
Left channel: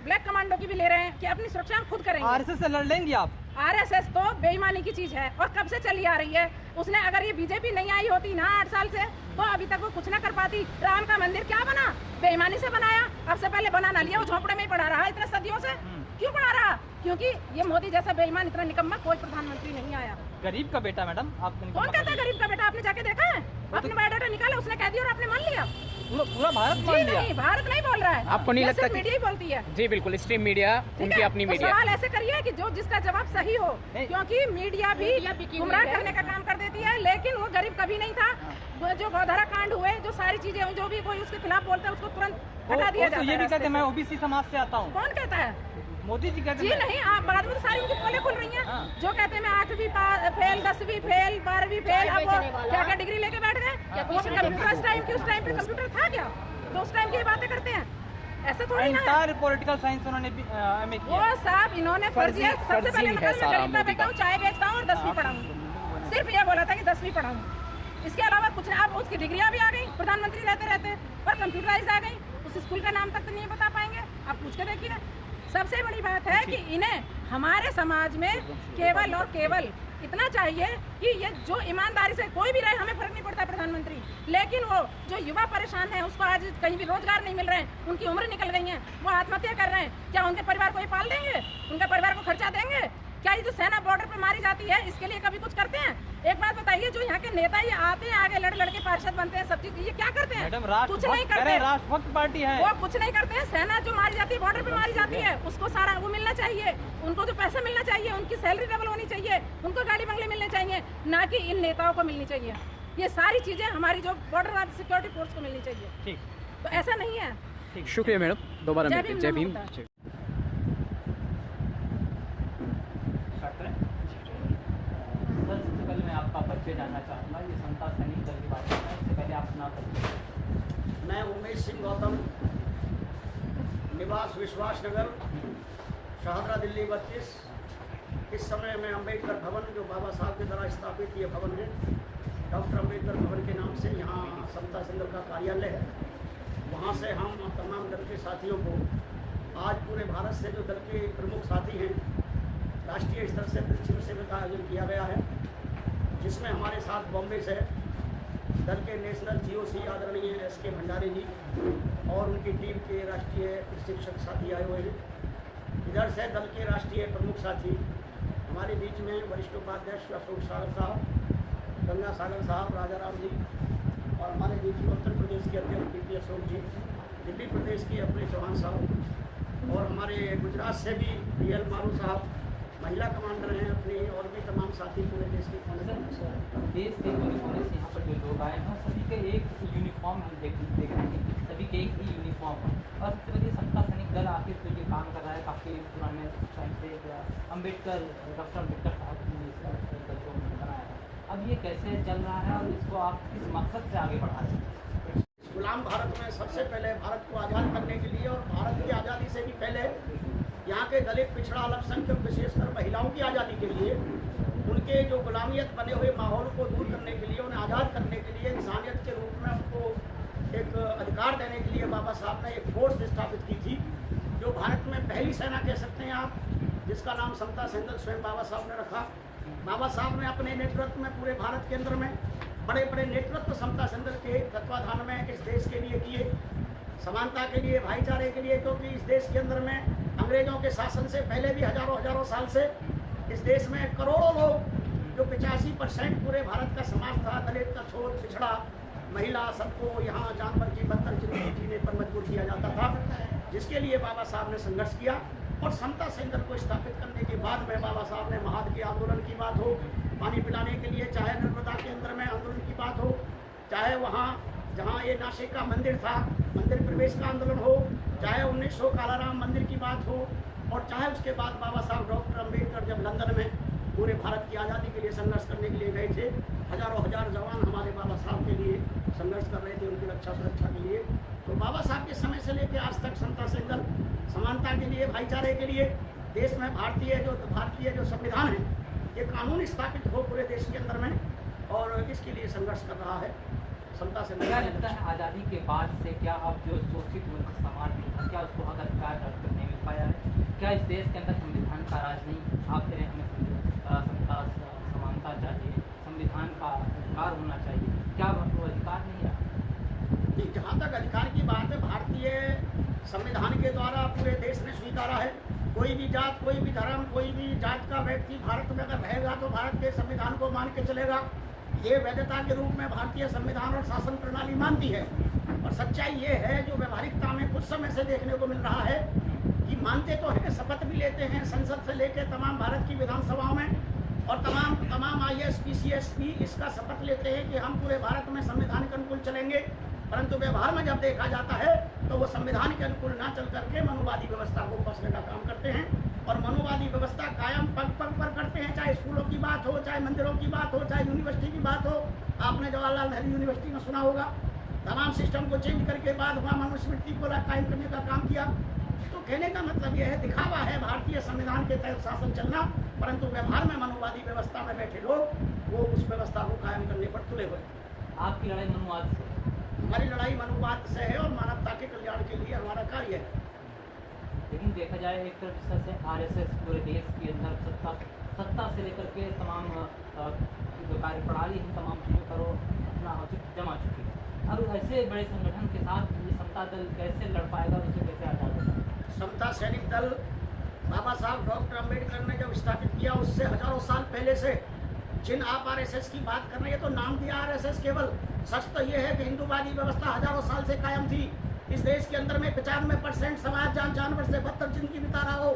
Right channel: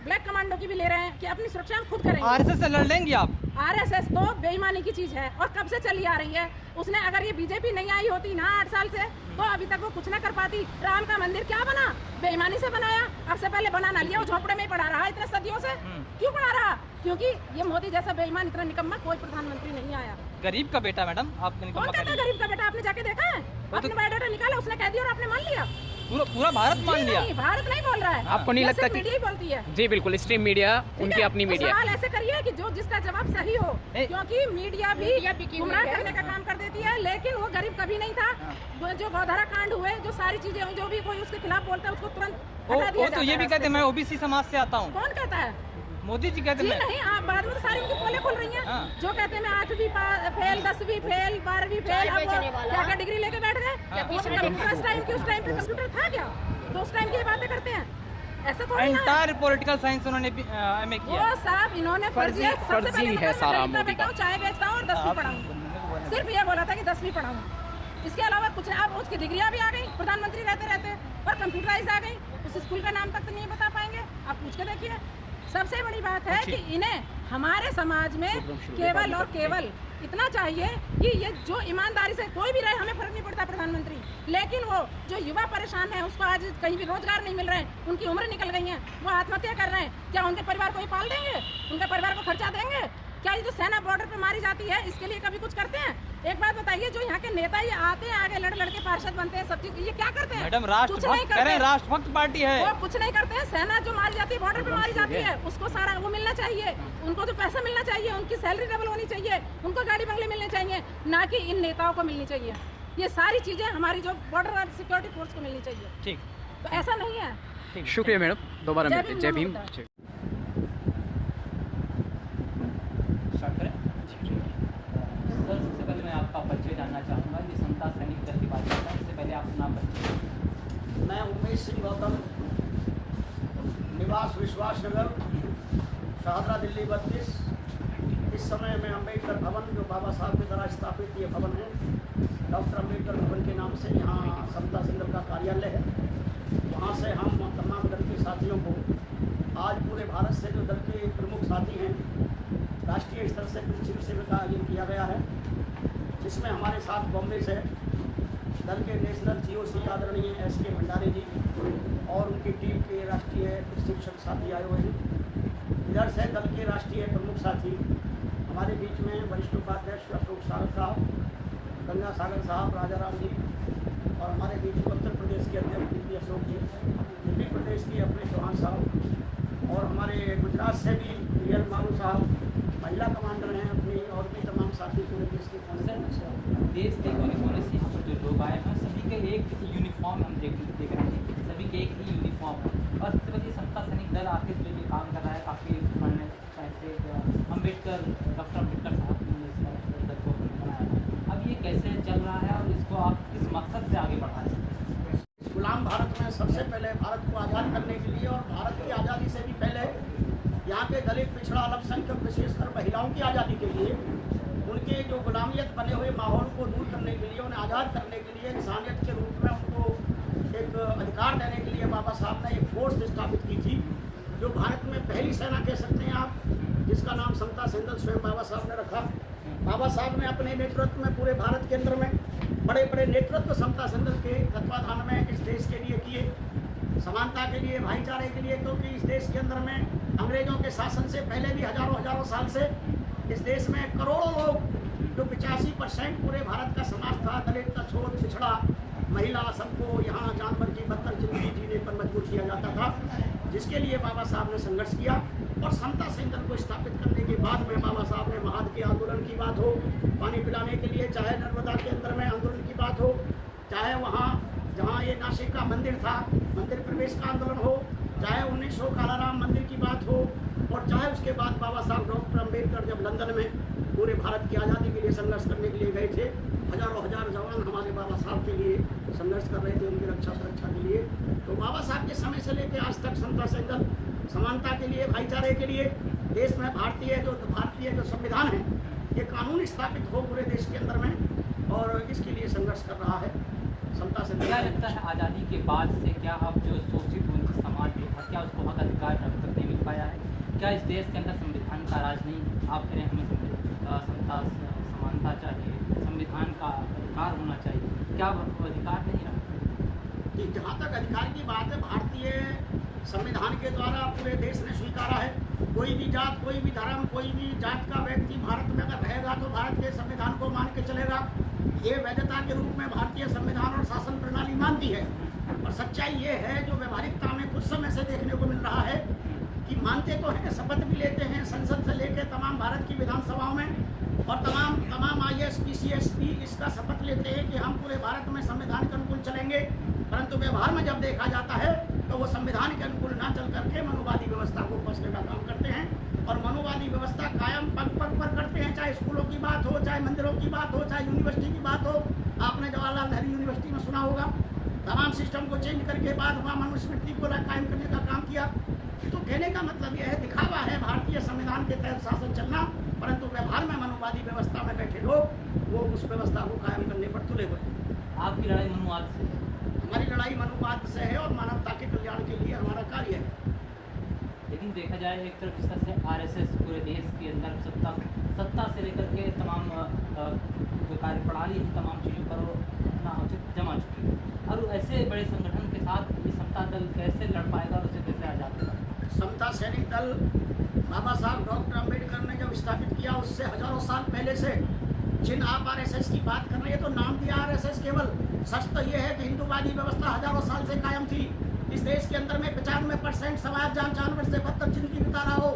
ब्लैक कमांडो की भी ले रहे हैं कि अपनी सुरक्षा हम खुद करेंगे। आरएसएस से लड़ लेंगे आप? आरएसएस तो बेईमानी की चीज है और कब से चली आ रही है। उसने अगर ये बीजेपी नहीं आई होती ना 8 साल से, तो अभी तक वो कुछ ना कर पाती। राम का मंदिर क्या बना? बेईमानी से बनाया। अब से पहले बना ना लिया, वो झोपड़े में ही पड़ा रहा इतने सदियों से। क्यों पड़ा रहा? क्योंकि ये मोदी जैसा बेईमान, इतना निकम्मा कोई प्रधानमंत्री नहीं आया। गरीब का बेटा मैडम, आपने कौन कहता है गरीब का बेटा? आपने जाके देखा है? आपने बायोडाटा निकाला, उसने कह दिया और आपने मान लिया? पूरा भारत मान लिया? नहीं, भारत नहीं बोल रहा है। आपको नहीं लगता? मीडिया ही बोलती है। जी बिल्कुल, स्ट्रीम मीडिया उनकी अपनी तो मीडिया। सवाल ऐसे करिए कि जो जिसका जवाब सही हो, क्योंकि मीडिया भी गुमराह करने का काम कर देती है। लेकिन वो गरीब कभी नहीं था। जो गौधारा कांड हुए, जो सारी चीजें हुई, जो भी कोई उसके खिलाफ बोलता है उसको तुरंत हटा दिया जाता है। तो ये भी कहते हैं मैं ओबीसी समाज से आता हूँ। कौन कहता है? मोदी जी कहते हैं। जी नहीं, आप बाद में सारी उनकी पोलें खुल रही हैं। जो कहते हैं मैं 8वीं फेल, 10वीं फेल, 12वीं फेल, अब क्या डिग्री लेके बैठ गए? उस टाइम पे कंप्यूटर था क्या? तो उस टाइम की बातें करते हैं, ऐसा थोड़ी ना है। पॉलिटिकल साइंस उन्होंने एमए किया। वो साहब इन्होंने फर्जी सबसे पहले है सारा मोदी का। चाय बेचता हूँ और 10वीं पढ़ाऊँ, सिर्फ ये बोला था कि 10वीं पढ़ाऊँ। इसके अलावा कुछ नहीं। अब उसकी डिग्रियां भी आ गई प्रधानमंत्री रहते रहते, और कंप्यूटराइज आ गई। उस स्कूल का नाम तक तो नहीं बता पाएंगे, आप पूछ के देखिए। सबसे बड़ी बात है कि इन्हें हमारे समाज में केवल और केवल इतना चाहिए कि ये जो ईमानदारी से कोई भी रहे, हमें फर्क नहीं पड़ता प्रधानमंत्री, लेकिन वो जो युवा परेशान है, उसको आज कहीं भी रोजगार नहीं मिल रहे हैं, उनकी उम्र निकल गई है, वो आत्महत्या कर रहे हैं। क्या उनके परिवार को ये पाल देंगे? उनके परिवार को खर्चा देंगे? क्या ये जो सेना बॉर्डर पे मारी जाती है, इसके लिए कभी कुछ करते हैं? एक बात बताइए, जो यहाँ के नेता ये आते हैं, आगे लड़ के पार्षद बनते हैं, सब चीज, ये क्या करते हैं? कुछ नहीं करते। राष्ट्रभक्त पार्टी है वो, कुछ नहीं करते हैं। सेना जो मारी जाती है, बॉर्डर पे मारी जाती है, उसको सारा वो मिलना चाहिए। उनको जो पैसा मिलना चाहिए, उनकी सैलरी डबल होनी चाहिए, उनको गाड़ी बंगले मिलने चाहिए, ना कि इन नेताओं को मिलनी चाहिए। ये सारी चीजें हमारी जो बॉर्डर सिक्योरिटी फोर्स को मिलनी चाहिए। ठीक, तो ऐसा नहीं है। शुक्रिया मैडम, दोबारा मिलते हैं। जय भीम। सबसे पहले मैं आपका परिचय जानना चाहूँगा। ये समता सैनिक दल की बात करता है, इससे पहले आप सुना परिचय। मैं उमेश सिंह गौतम, निवास विश्वास नगर, शाहदरा, दिल्ली 32। इस समय मैं अम्बेडकर भवन, जो बाबा साहब के द्वारा स्थापित ये भवन है, डॉक्टर अम्बेडकर भवन के नाम से, यहाँ समता सैनिक दल का कार्यालय है। वहाँ से हम तमाम दल के साथियों को, आज पूरे भारत से जो दल के प्रमुख साथी हैं, राष्ट्रीय स्तर से प्रशिक्षण शिविर का आयोजन किया गया है, जिसमें हमारे साथ बॉम्बे से दल के नेशनल GOC आदरणीय SK भंडारे जी और उनकी टीम के राष्ट्रीय प्रशिक्षक साथी आए हुए हैं। इधर से दल के राष्ट्रीय प्रमुख साथी हमारे बीच में वरिष्ठ उपाध्यक्ष अशोक सागर साहब, गंगा सागर साहब, राजा राम जी, और हमारे बीच में उत्तर प्रदेश के अध्यक्ष DP अशोक जी, दिल्ली प्रदेश की अपनी चौहान साहब, और हमारे गुजरात से भी VL मारू साहब, महिला कमांडर हैं अपनी, और भी तमाम साथी पूरे देश के कोने कोने से आए। देश के कोने कोने से यहाँ पर जो लोग आए हैं, सभी के एक यूनिफॉर्म हम देख रहे हैं, सभी के एक ही यूनिफॉर्म है। और सबसे पहले समता सैनिक दल आखिर जो ये काम कर रहा है, काफ़ी पुराने अम्बेडकर, डॉक्टर अम्बेडकर साहब ने इस दल को बनाया। अब ये कैसे चल रहा है और इसको आप किस मकसद से आगे बढ़ा रहे हैं? गुलाम भारत में सबसे पहले भारत को आज़ाद करने के लिए, और भारत की आज़ादी से भी पहले यहाँ के दलित, पिछड़ा, अल्पसंख्यक, विशेषकर महिलाओं की आज़ादी के लिए, उनके जो गुलामियत बने हुए माहौल को दूर करने के लिए, उन्हें आज़ाद करने के लिए, इंसानियत के रूप में उनको एक अधिकार देने के लिए बाबा साहब ने एक फोर्स स्थापित की थी, जो भारत में पहली सेना कह सकते हैं आप, जिसका नाम समता सेंदल स्वयं बाबा साहब ने रखा। बाबा साहब ने अपने नेतृत्व में पूरे भारत के अंदर में बड़े बड़े नेतृत्व समता सेंदल के तत्वाधान में इस देश के लिए किए, समानता के लिए, भाईचारे के लिए, क्योंकि इस देश के अंदर में अंग्रेजों के शासन से पहले भी हजारों साल से इस देश में करोड़ों लोग, जो 85% पूरे भारत का समाज था, दलित, अछूत, पिछड़ा, महिला, सबको यहाँ जानवर की बदतर जिंदगी जीने पर मजबूर किया जाता था, जिसके लिए बाबा साहब ने संघर्ष किया। और समता सेंदल को स्थापित करने के बाद में बाबा साहब ने महाद के आंदोलन की बात हो, पानी पिलाने के लिए, चाहे नर्मदा के अंदर में आंदोलन की बात हो, चाहे वहाँ जहाँ ये नासिक का मंदिर था, मंदिर प्रवेश का आंदोलन हो, चाहे 1900 कालाराम मंदिर की बात हो, और चाहे उसके बाद बाबा साहब डॉक्टर अम्बेडकर जब लंदन में पूरे भारत की आज़ादी के लिए संघर्ष करने के लिए गए थे, हजारों हजार जवान हमारे बाबा साहब के लिए संघर्ष कर रहे थे, उनकी रक्षा सुरक्षा के लिए। तो बाबा साहब के समय से लेकर आज तक समता सेंदल समानता के लिए, भाईचारे के लिए, देश में भारतीय जो संविधान है, ये कानून स्थापित हो पूरे देश के अंदर में, और इसके लिए संघर्ष कर रहा है समता सेंदल। क्या लगता है आज़ादी के बाद से क्या अब जो शोषित समाज है, क्या उसको हक अधिकार प्राप्त करने मिल पाया है? क्या इस देश के अंदर संविधान का राज नहीं? आप कह रहे हैं हमें समता समानता चाहिए, संविधान का अधिकार होना चाहिए, क्या वो अधिकार नहीं है? जहाँ तक अधिकार की बात है, भारतीय संविधान के द्वारा पूरे देश ने स्वीकारा है। कोई भी जात, कोई भी धर्म, कोई भी जात का व्यक्ति भारत में अगर रहेगा तो भारत के संविधान को मान के चलेगा। ये वैधता के रूप में भारतीय संविधान और शासन प्रणाली मानती है। और सच्चाई ये है, जो व्यवहारिकता में कुछ समय से देखने को मिल रहा है, कि मानते तो हैं, शपथ भी लेते हैं, संसद से लेकर तमाम भारत की विधानसभाओं में, और तमाम IAS PCS भी इसका शपथ लेते हैं कि हम पूरे भारत में संविधान के अनुकूल चलेंगे, परंतु व्यवहार में जब देखा जाता है तो वो संविधान के अनुकूल ना चल करके मनुवादी व्यवस्था को कसने का काम करते हैं। और मनुवादी व्यवस्था कायम पग पर करते हैं, चाहे स्कूलों की बात हो, चाहे मंदिरों की बात हो, चाहे यूनिवर्सिटी की बात हो। आपने जवाहरलाल नेहरू यूनिवर्सिटी में सुना होगा, तमाम सिस्टम को चेंज करके बाद वहाँ मनुस्मृति को कायम करने का काम किया। तो कहने का मतलब यह है, दिखावा है भारतीय संविधान के तहत शासन चलना, परंतु व्यवहार में मनुवादी व्यवस्था में बैठे लोग वो उस व्यवस्था को कायम करने पर तुले हुए। आपकी लड़ाई मनुवाद से? हमारी लड़ाई मनुवाद से है और मानवता के कल्याण के लिए हमारा कार्य है। लेकिन देखा जाए एक तरफ जिस तरह से RSS पूरे देश के अंदर सत्ता से लेकर के तमाम जो कार्यप्रणाली है, तमाम चीज़ों पर अपना औचित्य जमा चुकी है, और ऐसे बड़े संगठन के साथ ये समता दल कैसे लड़ पाएगा, उसे कैसे आज़ाद होगा? समता सैनिक दल बाबा साहब डॉक्टर अम्बेडकर ने जब स्थापित किया, उससे हजारों साल पहले से जिन आप RSS की बात कर रहे हैं, तो नाम दिया RSS, केवल सच तो ये है कि हिंदूवादी व्यवस्था हजारों साल से कायम थी। इस देश के अंदर में 95% समाज जानवर से बदतर जिंदगी बिता रहा हो,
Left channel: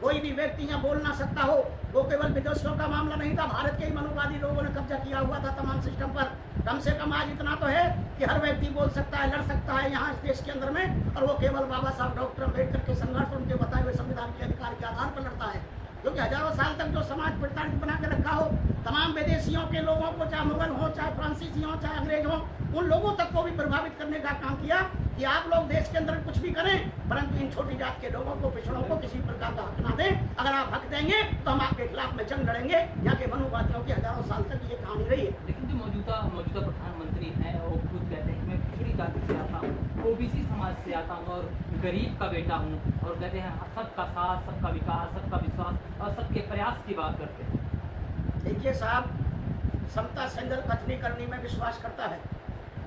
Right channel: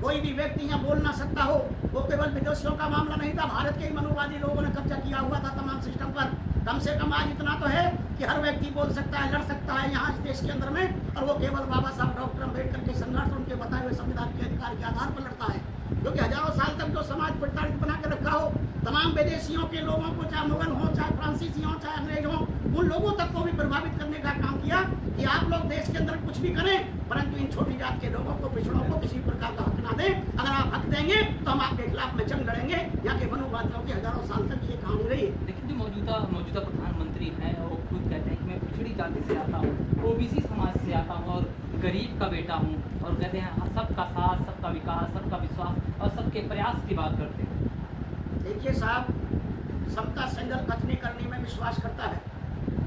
कोई भी व्यक्ति यहाँ बोल ना सकता हो। वो केवल विदेशियों का मामला नहीं था, भारत के ही मनुवादी लोगों ने कब्जा किया हुआ था तमाम सिस्टम पर। कम से कम आज इतना तो है कि हर व्यक्ति बोल सकता है, लड़ सकता है यहाँ इस देश के अंदर में, और वो केवल बाबा साहब डॉक्टर अम्बेडकर के संघर्ष, उनके बताए हुए संविधान के अधिकार के आधार पर लड़ता है। क्योंकि हजारों साल तक जो समाज प्रताड़ित बना के रखा हो, तमाम विदेशियों के लोगों को, चाहे मुगल हो, चाहे फ्रांसीसी हो, चाहे अंग्रेज हो, उन लोगों तक को भी प्रभावित करने का काम किया कि आप लोग देश के अंदर कुछ भी करें, परंतु इन छोटी जात के लोगों को, पिछड़ों को किसी प्रकार का हक ना दें। अगर आप हक देंगे तो हम आपके खिलाफ में जंग लड़ेंगे। यहाँ के मनुवादियों की हजारों साल तक ये कहानी रही है। लेकिन जो मौजूदा प्रधानमंत्री हैं, वो खुद कहते हैं कि मैं पिछड़ी जाति से आता हूँ, OBC समाज से आता हूँ और गरीब का बेटा हूँ, और कहते हैं सबका साथ, सबका विकास, सबका विश्वास और सबके प्रयास की बात करते हैं। देखिए साहब, समता सेंदल कथनी करनी में विश्वास करता है,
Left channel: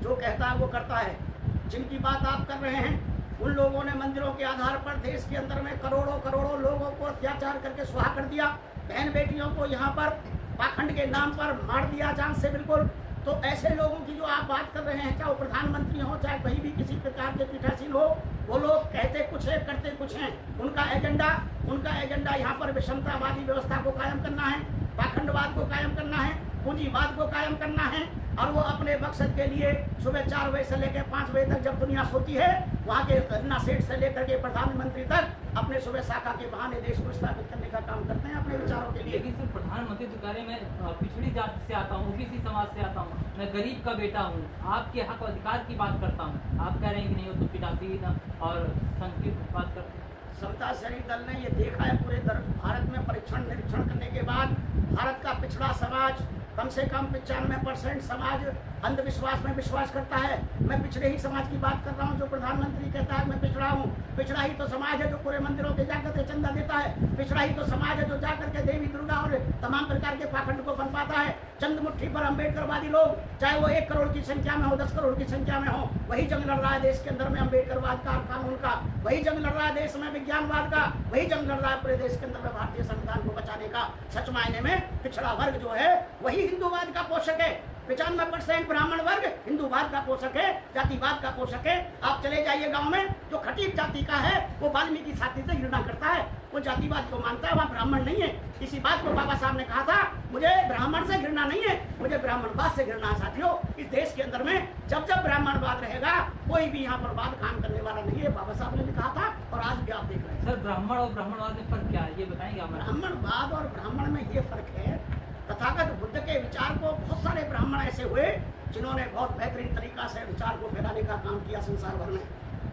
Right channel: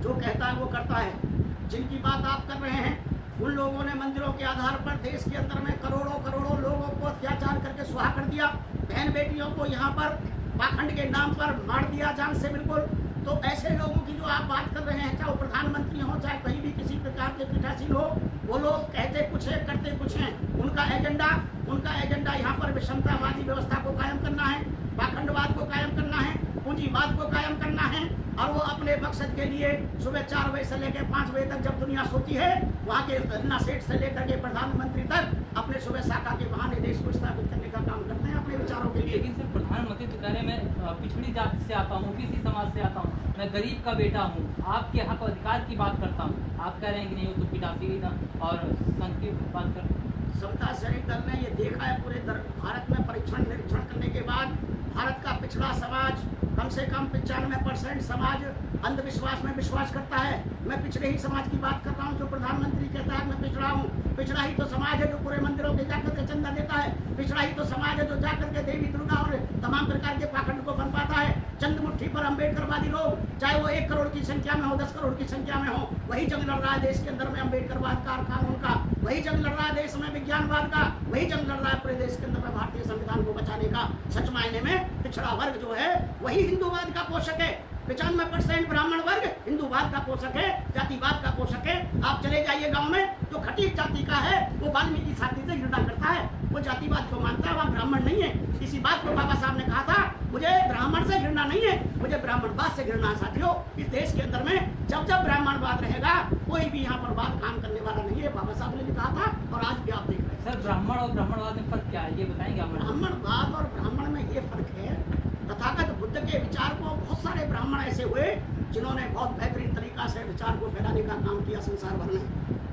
जो कहता है वो करता है। जिनकी बात आप कर रहे हैं, उन लोगों ने मंदिरों के आधार पर देश के अंदर में करोड़ों लोगों को अत्याचार करके सुहा कर दिया। बहन बेटियों को यहाँ पर पाखंड के नाम पर मार दिया जान से बिल्कुल। तो ऐसे लोगों की जो आप बात कर रहे हैं, चाहे वो प्रधानमंत्री हो, चाहे कहीं भी किसी प्रकार के पीठासीन हो, वो लोग कहते कुछ है, करते कुछ हैं। उनका एजेंडा यहाँ पर विषमतावादी व्यवस्था को कायम करना है, पाखंडवाद को कायम करना है, पूंजीवाद को कायम करना है। और वो अपने मकसद के लिए सुबह 4 बजे से लेकर 5 बजे तक जब दुनिया सोती है, वहाँ के धरना सेठ से लेकर के प्रधानमंत्री तक अपने सुबह शाखा के बहाने देश को स्थापित करने का काम करते हैं अपने विचारों के लिए। लेकिन सिर्फ प्रधानमंत्री तो कह रहे हैं मैं पिछड़ी जाति से आता हूँ, OBC समाज से आता हूँ, मैं गरीब का बेटा हूँ, आपके हक अधिकार की बात करता हूँ। आप कह रहे हैं कि नहीं, वो तो पीठासीन और संघ की बात कर। समता सैनिक दल ने ये देखा है पूरे भारत में निरीक्षण करने के बाद, भारत का पिछड़ा समाज कम से कम 95% समाज अंधविश्वास में विश्वास करता है। मैं पिछड़े ही समाज की बात कर रहा हूँ। जो प्रधानमंत्री कहता है मैं पिछड़ा हूँ, पिछड़ा ही तो समाज है जो पूरे मंदिरों के जाकर के चंदा देता है। पिछड़ा ही तो समाज है जो जाकर के देवी दुर्गा और तमाम प्रकार के पाखंड को बनवाता है। चंद मुट्ठी पर अम्बेडकरवादी लोग, चाहे वो 1 करोड़ की संख्या में हो, 10 करोड़ की संख्या में हो, वही जंग लड़ रहा है देश के अंदर में अम्बेडकरवाद का और कानून का, वही जंग लड़ रहा है देश में विज्ञानवाद का, वही जंग लड़ रहा है पूरे देश के अंदर में भारतीय संविधान को बचाने का। सच मायने में पिछड़ा वर्ग जो है वही हिंदूवाद का पोषक है। 95% ब्राह्मण वर्ग हिंदूवाद का पोषक है, जातिवाद का पोषक है। आप चले जाइए गांव में, जो खटीक जाति का है वो वाल्मीकि जाति से घृणा करता है, वो जातिवाद को मानता है, वहाँ ब्राह्मण नहीं है। इसी बात को बाबा साहब ने कहा था, मुझे ब्राह्मण से घृणा नहीं है, मुझे ब्राह्मणवाद से घृणा है। साथियों, इस देश के अंदर में जब जब ब्राह्मणवाद रहेगा कोई भी यहाँ पर बात काम करने वाला नहीं है। बाबा साहब ने भी कहा था और आज भी आप देख रहे हैं। सर, ब्राह्मण और ब्राह्मणवाद में फर्क क्या है, ये बताएंगे आप? ब्राह्मणवाद और ब्राह्मण में ये फर्क है, तथागत बुद्ध के विचार को बहुत सारे ब्राह्मण ऐसे हुए जिन्होंने बहुत बेहतरीन तरीका से विचार को फैलाने का काम किया संसार भर में,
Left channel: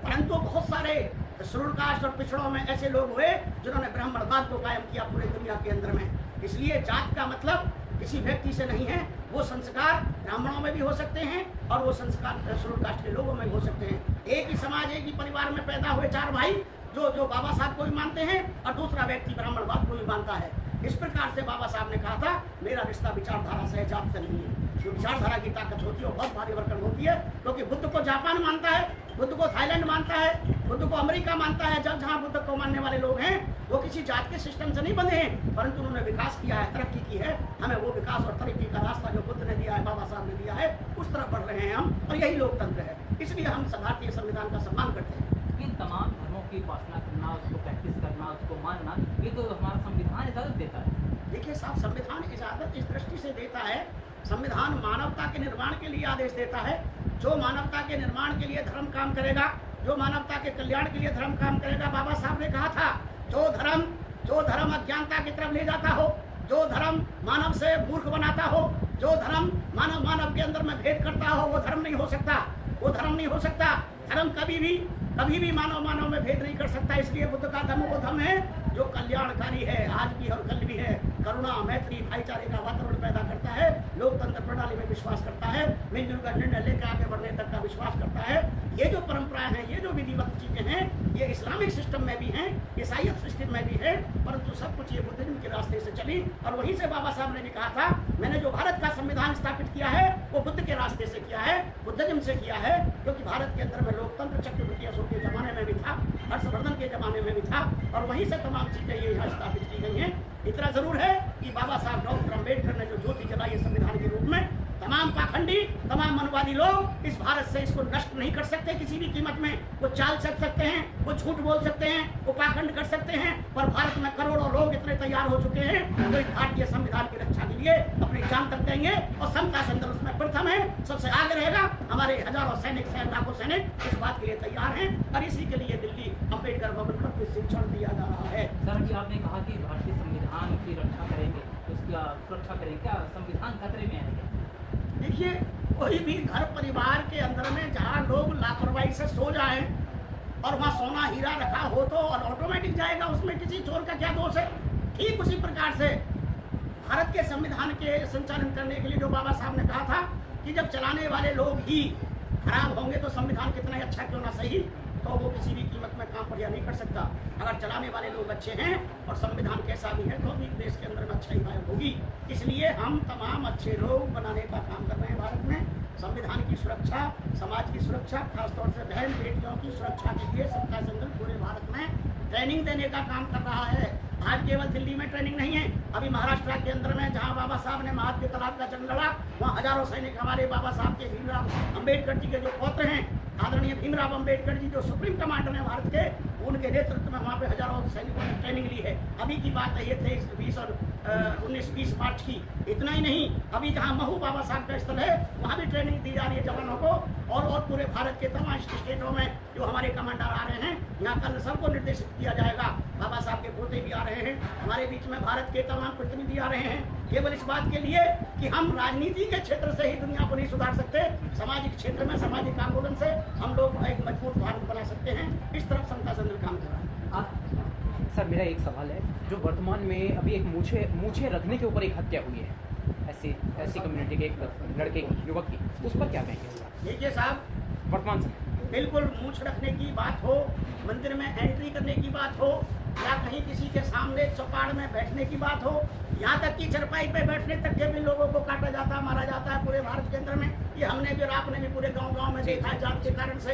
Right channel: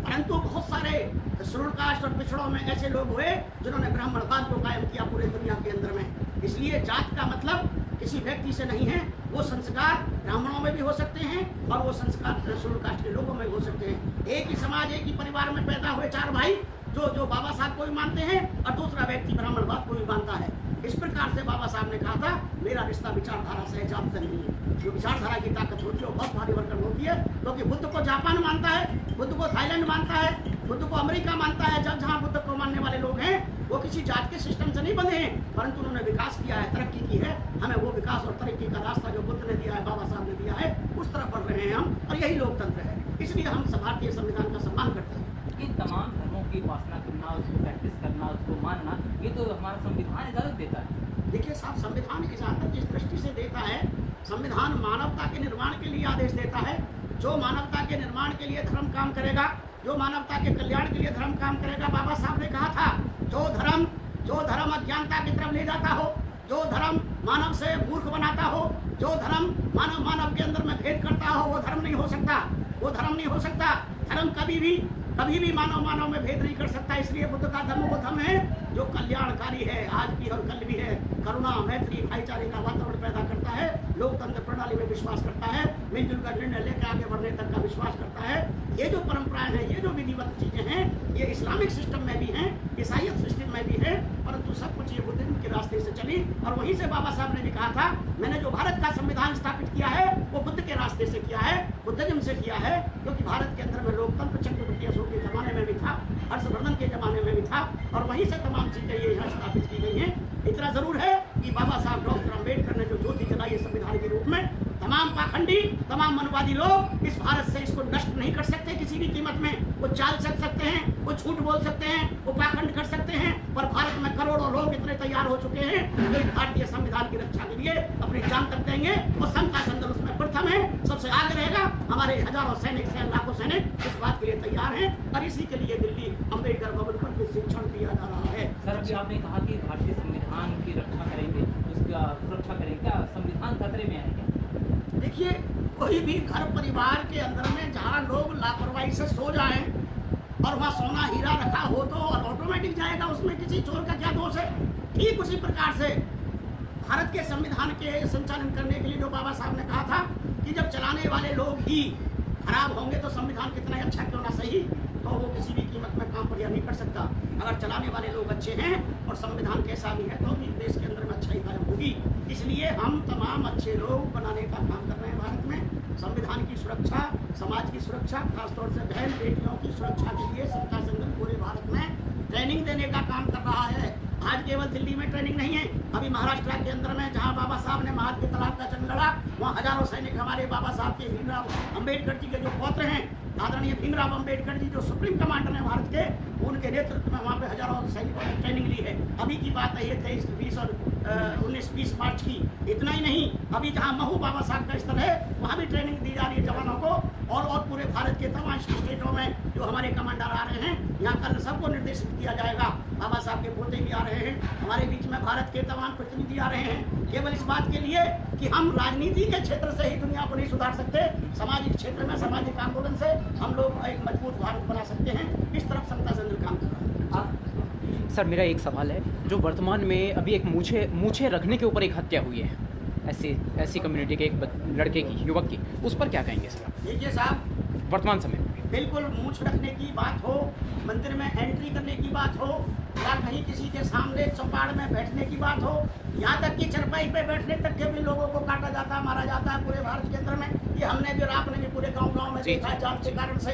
परंतु बहुत सारे शेड्यूल कास्ट और पिछड़ों में ऐसे लोग हुए जिन्होंने ब्राह्मणवाद को कायम किया पूरे दुनिया के अंदर में। इसलिए जात का मतलब किसी व्यक्ति से नहीं है, वो संस्कार ब्राह्मणों में भी हो सकते हैं और वो संस्कार शेड्यूल कास्ट के लोगों में भी हो सकते हैं। एक ही समाज, एक ही परिवार में पैदा हुए 4 भाई जो बाबा साहब को भी मानते हैं और दूसरा व्यक्ति ब्राह्मणवाद को भी मानता है। इस प्रकार से बाबा साहब ने कहा था, मेरा रिश्ता विचारधारा से है, जात से नहीं है। जो विचारधारा की ताकत होती है वो बहुत भारी भरकम होती है, क्योंकि बुद्ध को जापान मानता है, बुद्ध को थाईलैंड मानता है, बुद्ध को अमेरिका मानता है। जब जहाँ बुद्ध को मानने वाले लोग हैं वो किसी जात के सिस्टम से नहीं बंधे हैं, परंतु उन्होंने विकास किया है, तरक्की की है। हमें वो विकास और तरक्की का रास्ता जो बुद्ध ने दिया है, बाबा साहब ने दिया है, उस तरफ बढ़ रहे हैं हम, और यही लोकतंत्र है। इसलिए हम भारतीय संविधान का सम्मान करते हैं। इन तमाम धर्मों की उपासना करना, उसको प्रैक्टिस करना, उसको मानना, ये तो हमारा संविधान इजाजत देता है। देखिए साहब, संविधान इजाजत इस दृष्टि से देता है, संविधान मानवता के निर्माण के लिए आदेश देता है। जो मानवता के निर्माण के लिए धर्म काम करेगा, जो मानवता के कल्याण के लिए धर्म काम करेगा, बाबा साहब ने कहा था, जो धर्म अज्ञानता की तरफ ले जाता हो, जो धर्म मानव से मूर्ख बनाता हो, जो धर्म मानव के अंदर में भेद करता हो, वो धर्म नहीं हो सकता, वो धर्म नहीं हो सकता। धर्म कभी भी मानव में भेद नहीं कर सकता। इसलिए बुद्ध का धर्म वो धर्म है जो कल्याणकारी है, आज भी और कल भी है, करुणा, मैत्री, भाईचारे का वातावरण पैदा करता है, लोकतंत्र प्रणाली में विश्वास करता है, मिलजुल कर निर्णय लेकर आगे बढ़ने तक का विश्वास करता है। ये जो परंपराएं हैं, ये जो विधिवत चीजें हैं, ये इस्लामिक सिस्टम में भी हैं, ईसाईयत सिस्टम में भी है, परंतु सब कुछ ये बुद्धिज्म के रास्ते से चली। और वहीं से बाबा साहब ने भी कहा था, मैंने जो भारत का संविधान स्थापित किया है वो बुद्ध के रास्ते से किया है, बुद्धिज्म से किया है, क्योंकि भारत के अंदर में लोकतंत्र चक्रवर्ती अशोक के जमाने में भी था, हर्षवर्धन के जमाने में भी था, और वहीं से तमाम चीजें ये यहाँ स्थापित की गई हैं। इतना जरूर है कि बाबा साहब डॉक्टर अम्बेडकर ने जो ज्योति जलाई है संविधान के रूप में, तमाम पाखंडी, तमाम मनवादी लोग इस भारत से इसको नष्ट नहीं कर सकते किसी भी कीमत में। वो चाल चल सकते हैं, वो झूठ बोल सकते हैं, वो पाखंड कर सकते हैं, पर भारत में करोड़ों लोग इतने तैयार हो चुके हैं जो इस भारतीय संविधान की रक्षा के लिए अपनी जान तक देंगे, और समता संदल उसमें प्रथम है, सबसे आगे रहेगा। हमारे हजारों सैनिक, लाखों सैनिक इस बात के लिए तैयार हैं, और इसी के लिए दिल्ली अम्बेडकर भवन पर प्रशिक्षण दिया जा रहा है। सर, अभी आपने कहा कि भारतीय संविधान की रक्षा करेंगे, उसका सुरक्षा करेंगे, क्या संविधान खतरे में आएगा? देखिए, कोई भी घर परिवार के अंदर में जहाँ लोग लापरवाही से सो जाएं और वहाँ सोना हीरा रखा हो तो और ऑटोमेटिक जाएगा, उसमें किसी चोर का क्या दोष है। ठीक उसी प्रकार से भारत के संविधान के संचालन करने के लिए जो बाबा साहब ने कहा था कि जब चलाने वाले लोग ही खराब होंगे तो संविधान कितना अच्छा क्यों ना सही, तो वो किसी भी कीमत में काम बढ़िया नहीं कर सकता। अगर चलाने वाले लोग अच्छे हैं और संविधान कैसा भी है तो भी देश के अंदर में अच्छाई कायम होगी। इसलिए हम तमाम अच्छे लोग बनाने का काम कर रहे हैं भारत में। संविधान की सुरक्षा, समाज की सुरक्षा, खासतौर से बहन बेटियों की सुरक्षा के लिए सत्ता संगठन पूरे भारत में ट्रेनिंग देने का काम कर रहा है। आज केवल दिल्ली में ट्रेनिंग नहीं है, अभी महाराष्ट्र के अंदर में जहां बाबा साहब ने महात्मा तलाक का जंग लड़ा, वहां हजारों सैनिक हमारे बाबा साहब के भीमराव अंबेडकर जी के जो पौत्र हैं, आदरणीय भीमराव अंबेडकर जी जो सुप्रीम कमांडर हैं भारत के, उनके नेतृत्व में वहाँ पे हजारों सैनिकों ने ट्रेनिंग ली है। अभी की बात है ये 23, 20 और 19-20 मार्च की। इतना ही नहीं, अभी जहाँ महू बाबा साहब का स्थल है वहाँ भी ट्रेनिंग दी जा रही है जवानों को, और पूरे भारत के तमाम स्टेटों में जो हमारे कमांडर आ रहे हैं, यहाँ कल सबको निर्देशित किया जाएगा। बाबा साहब के पोते भी आ रहे हैं, हमारे बीच में भारत के तमाम प्रतिनिधि आ रहे हैं, केवल इस बात के लिए कि हम राजनीति के क्षेत्र से ही दुनिया को नहीं सुधार सकते, सामाजिक क्षेत्र में सामाजिक आंदोलन से हम लोग एक मजबूत भारत बना सकते हैं। इस तरफ समता संदल काम कर रहा है। सर, मेरा एक सवाल है, जो वर्तमान में अभी एक मूछे रखने के ऊपर एक हत्या हुई है, ऐसी कम्युनिटी के एक लड़के की, युवक की, उस पर क्या कहेंगे सर देखिए साहब, वर्तमान समय में? बिल्कुल मूछ रखने की बात हो, मंदिर में एंट्री करने की बात हो, या कहीं किसी के सामने चौपाड़ में बैठने की बात हो, यहाँ तक कि चरपाई पे बैठने तक के भी लोगों को काटा जाता, मारा जाता है पूरे भारत के अंदर में। ये हमने भी और आपने भी पूरे गांव-गांव में देखा है जात के कारण से।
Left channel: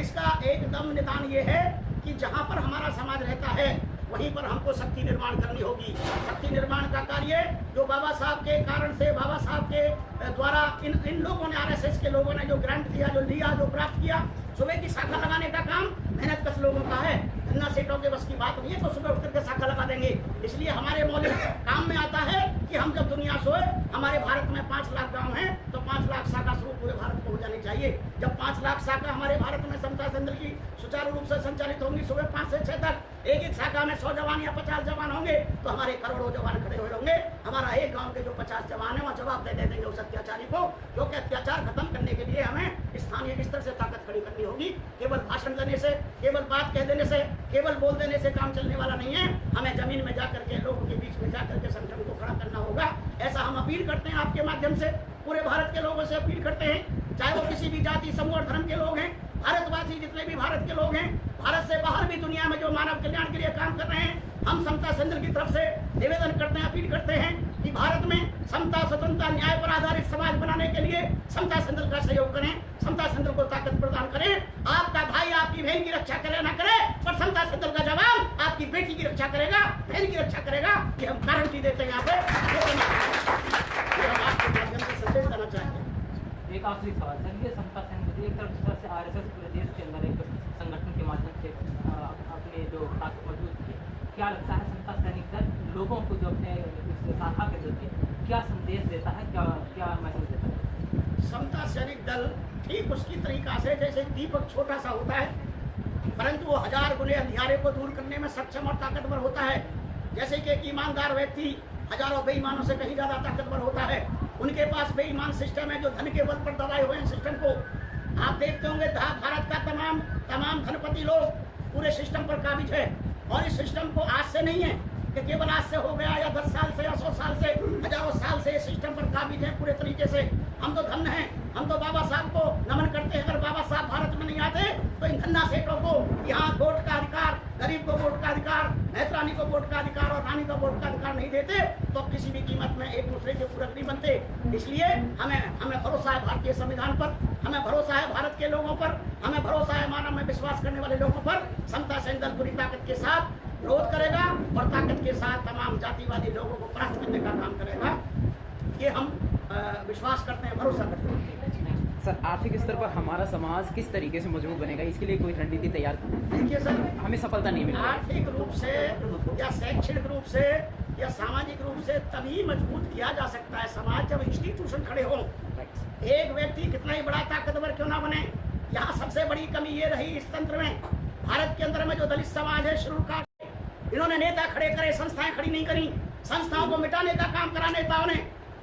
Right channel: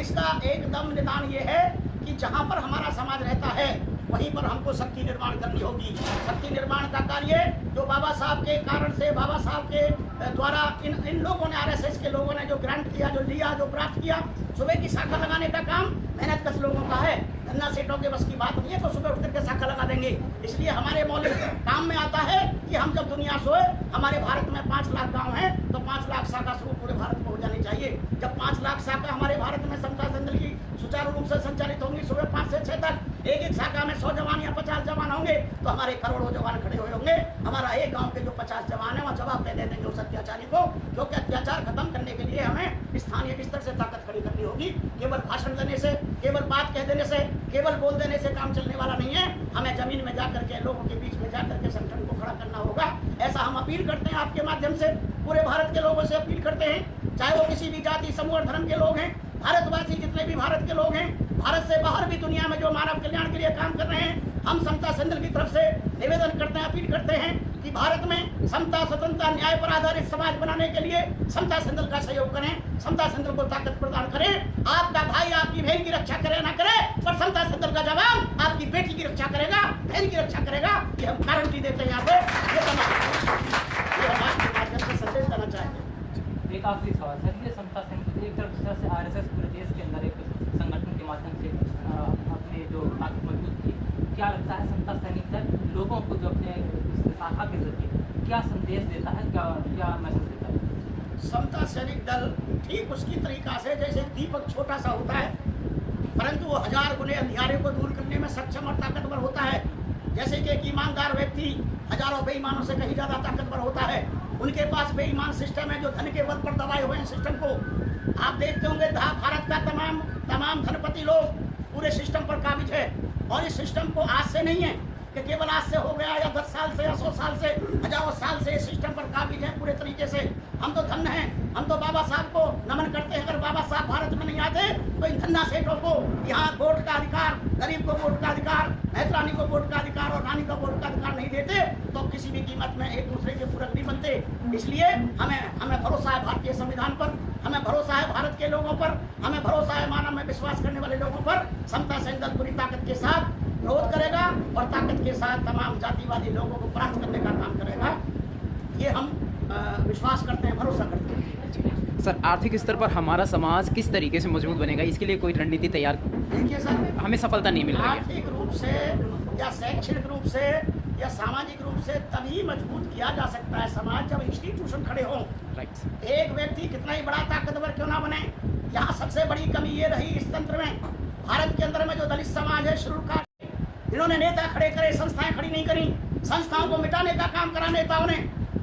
इसका एकदम निदान ये है कि जहाँ पर हमारा समाज रहता है वहीं पर हमको शक्ति निर्माण करनी होगी। शक्ति निर्माण का कार्य जो बाबा साहब के कारण से, बाबा साहब के द्वारा इन लोगों ने, आरएसएस के लोगों ने जो ग्रांट किया, जो लिया, जो प्राप्त किया, सुबह की शाखा लगाने का काम मेहनत कश लोगों का है। धन्ना सेठों के बस की बात नहीं है तो सुबह उठ करके शाखा लगा देंगे। इसलिए हमारे मौलिक काम में आता है कि हम जब दुनिया सोए, हमारे भारत में 5 लाख गांव हैं तो 5 लाख शाखा शुरू पूरे भारत में हो जानी चाहिए। जब 5 लाख शाखा हमारे भारत में समता संदल की सुचारू रूप से संचालित होंगी, सुबह 5 से 6 तक एक शाखा में 100 जवान या 50 जवान होंगे तो हमारे करोड़ों जवान खड़े हुए होंगे। हमारा एक गांव के जो 50 जवान है वह जवाब दे देंगे उस अत्याचारी को, क्योंकि अत्याचार खत्म करने के लिए हमें स्थानीय स्तर से ताकत खड़ी करनी होगी। केवल भाषण देने से, केवल बात कह देने से, केवल बोल देने से काम चलने वाला नहीं है। हमें जमीन में जाकर के, लोगों के बीच में जाकर के संगठन को खड़ा करना होगा। ऐसा हम अपील करते हैं आपके माध्यम से, पूरे भारत के लोगों से अपील करते हैं, चाहे वो किसी भी जाति, समूह और धर्म के लोग हैं, भारतवासी जितने भी भारत के लोग हैं, भारत से बाहर भी दुनिया में जो मानव कल्याण के लिए काम कर रहे हैं, हम समता संदल की तरफ से निवेदन करते हैं, अपील करते हैं कि भारत में समता, स्वतंत्रता, न्याय पर आधारित समाज बनाने के लिए समता संदल का सहयोग करें, समता संदल को ताकत प्रदान करें। आपका भाई आपकी बहन की रक्षा करे ना करे, पर समता संदल का जवान आपकी बेटी की रक्षा करेगा, बहन की रक्षा करेगा। ये हम गारंटी देते हैं यहाँ पे। ये हम आपके माध्यम से संदेश देना चाहेंगे। एक आखिरी सवाल सर, ये समता संघ एक तरफ से आरएसएस पूरे देश के अंदर एक संगठन के माध्यम से अपने जो ताकत मौजूद की, क्या लगता है समता सैनिक दल लोगों को जो अपने शाखा के जरिए क्या संदेश देता है, क्या मैसेज देता है? समता सैनिक दल ठीक उसकी तरीका से, जैसे दीपक छोटा सा होता है परंतु वो 1000 गुने अंधियारे को दूर करने में सक्षम और ताकतवर होता है। जैसे कि एक ईमानदार व्यक्ति हजारों बेईमानों से कहीं ज्यादा ताकतवर होता है। उनके पास बेईमान सिस्टम है जो धन के बल पर दबाए हुए हैं सिस्टम को। आप देखते होंगे भारत का तमाम धनपति लोग पूरे सिस्टम पर काबिज है, और इस सिस्टम को आज से नहीं है कि केवल आज से हो गया या 10 साल से या 100 साल से, हजारों साल से इस सिस्टम पर काबिज है पूरे तरीके से। हम तो धन्य हैं, हम तो बाबा साहब को नमन करते हैं। अगर बाबा साहब भारत में नहीं आते तो इन धन्ना सेठों को यहाँ वोट का अधिकार, गरीब को वोट का अधिकार, नेत्रानी को वोट का अधिकार और रानी को वोट का अधिकार नहीं देते तो किसी भी कीमत में एक दूसरे के पूरक नहीं बनते। इसलिए हमें भरोसा है भारतीय संविधान पर, हमें भरोसा है भारत के लोगों पर, हमें भरोसा है मानव में विश्वास करने वाले लोगों पर। समता सैनिक दल पूरी ताकत के साथ विरोध करेगा और ताकत के साथ तमाम जातिवादी लोगों को परास्त करने का काम करेगा। ये हम विश्वास करते हैं, भरोसा करते हैं। सर, आर्थिक स्तर पर हमारा समाज किस तरीके से मजबूत बनेगा, इसके लिए कोई रणनीति तैयार? देखिए सर, हमें सफलता नहीं मिल रही है। आर्थिक रूप से या शैक्षणिक रूप से या सामाजिक रूप से तभी मजबूत किया जा सकता है समाज जब इंस्टीट्यूशन खड़े हों। एक व्यक्ति कितना ही बड़ा ताकतवर क्यों ना बने, यहाँ सबसे बड़ी कमी ये रही इस तंत्र में, भारत के अंदर में जो दलित समाज है, शेड्यूल कास्ट, इन्होंने नेता खड़े करे, संस्थाएं खड़ी नहीं करी। संस्थाओं को मिटाने का काम करा नेताओं ने,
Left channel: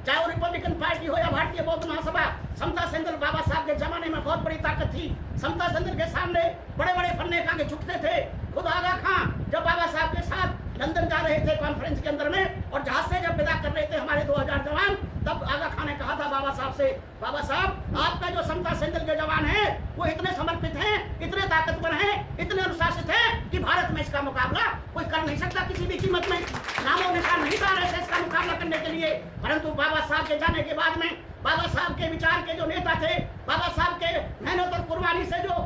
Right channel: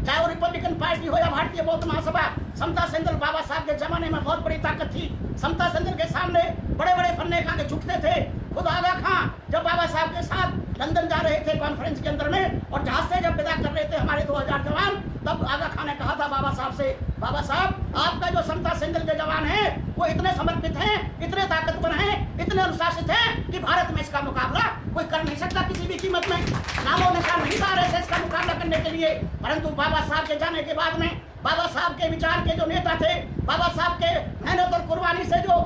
चाहे वो रिपब्लिकन पार्टी हो या भारतीय बौद्ध महासभा। समता संदल बाबा साहब के जमाने में बहुत बड़ी ताकत थी। समता संदल के सामने बड़े बड़े फन्ने खा के झुकते थे। खुद आगा खां जब बाबा साहब के साथ लंदन जा रहे थे कॉन्फ्रेंस के अंदर में, और जहाज से जब विदा कर रहे थे हमारे 2000 जवान, तब आगा खां ने कहा था बाबा साहब से, बाबा साहब आपका जो समता संदल के जवान है वो इतने समर्पित हैं, इतने ताकतवर हैं, इतने अनुशासित हैं कि भारत में इसका मुकाबला कोई कर नहीं सकता किसी भी कीमत में। नामो निशान नहीं था आरएसएस का मुकाबला करने के लिए, परंतु बाबा साहब के जाने के बाद में बाबा साहब के विचार के जो नेता थे, बाबा साहब के मेहनत और कुर्बानी से जो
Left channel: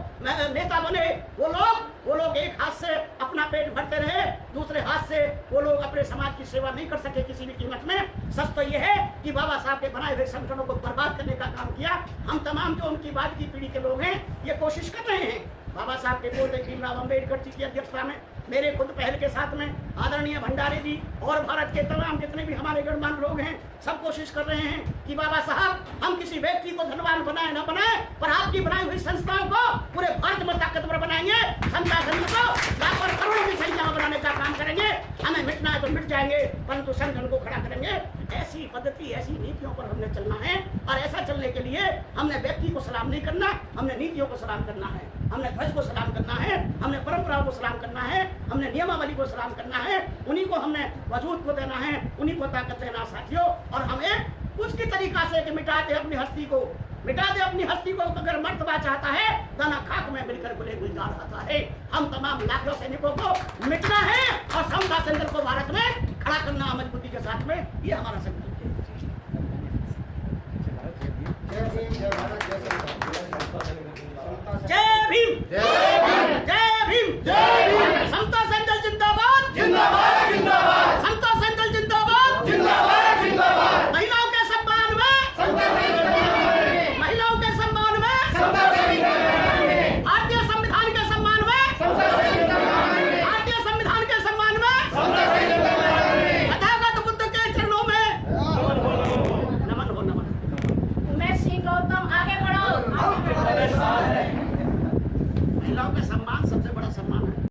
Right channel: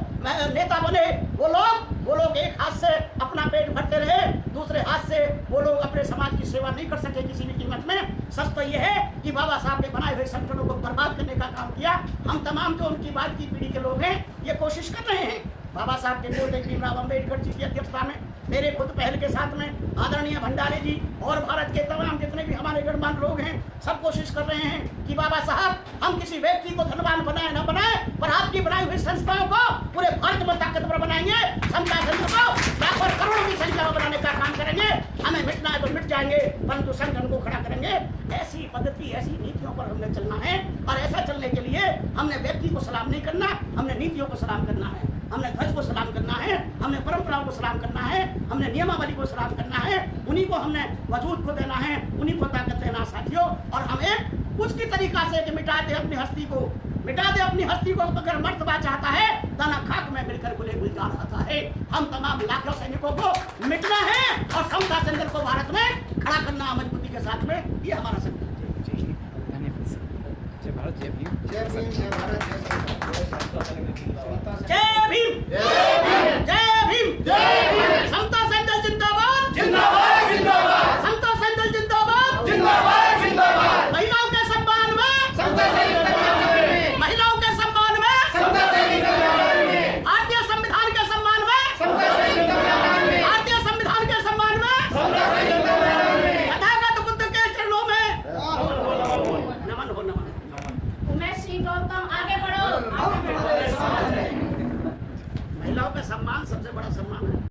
नेता बने, वो लोग एक हाथ से अपना पेट भरते रहे, दूसरे हाथ से वो लोग अपने समाज की सेवा नहीं कर सके किसी भी कीमत में। सच तो ये है कि बाबा साहब के बनाए हुए संगठनों को बर्बाद करने का काम किया। हम तमाम जो उनकी बाद की पीढ़ी के लोग हैं ये कोशिश कर रहे हैं। बाबा साहब के पोते भीमराव अम्बेडकर जी की अध्यक्षता में, मेरे खुद पहल के साथ में आदरणीय भंडारे जी और भारत के तमाम जितने भी हमारे गणमान्य लोग हैं, सब कोशिश कर रहे हैं कि बाबा साहब हम किसी व्यक्ति को धनवान बनाए न बनाए, पर आपकी बनाई हुई संस्थाओं को पूरे भारत में ताकतवर बनाएंगे। समता संघ को लाखों करोड़ों की संख्या में बनाने का काम करेंगे। हमें मिटना है तो मिट जाएंगे, परंतु संगठन को खड़ा करेंगे। ऐसी पद्धति, ऐसी नीतियों पर हमने चलना है, और ऐसा चलने के लिए हमने व्यक्ति को सलाम नहीं करना, हमने नीतियों को सलाम करना है, हमने ध्वज को सलाम करना है, हमने परंपराओं को सलाम करना है, हमने नियमावली को सलाम करना है, उन्हीं को हमने वजूद को देना है, उन्हीं को ताकत देना साथियों। और हम एक उसकी तरीका से कि मिटा दे अपनी हस्ती को, मिटा दे अपनी हस्ती को। अगर मर्तबा चाहता है दाना खाक में मिलकर गुले गुलजार आता है। हम तमाम लाखों सैनिकों को मिटना है और समता सेंटर को भारत में खड़ा करना मजबूती के साथ में, ये हमारा संकल्प है। जय भारत, जय भीम। जय भीम, जय भारत, जय जय भीम, जय भीम। समता सेंटर जिंदाबाद, जिंदाबाद, जिंदाबाद। समता सेंटर जिंदाबाद, जिंदाबाद, जिंदाबाद। महिलाओं के सम्मान में समता सेंटर, महिलाओं के सम्मान में समता सेंटर, भारतीय संविधान के सम्मान में समता सेंटर, भारतीय संविधान के सम्मान में समता सेंटर, तथागत बुद्ध के चरणों में नमन हो, नमन। उमेश सिंह गौतम आगे बढ़ो। महिलाओं का सम्मान सबसे बड़ा सम्मान है।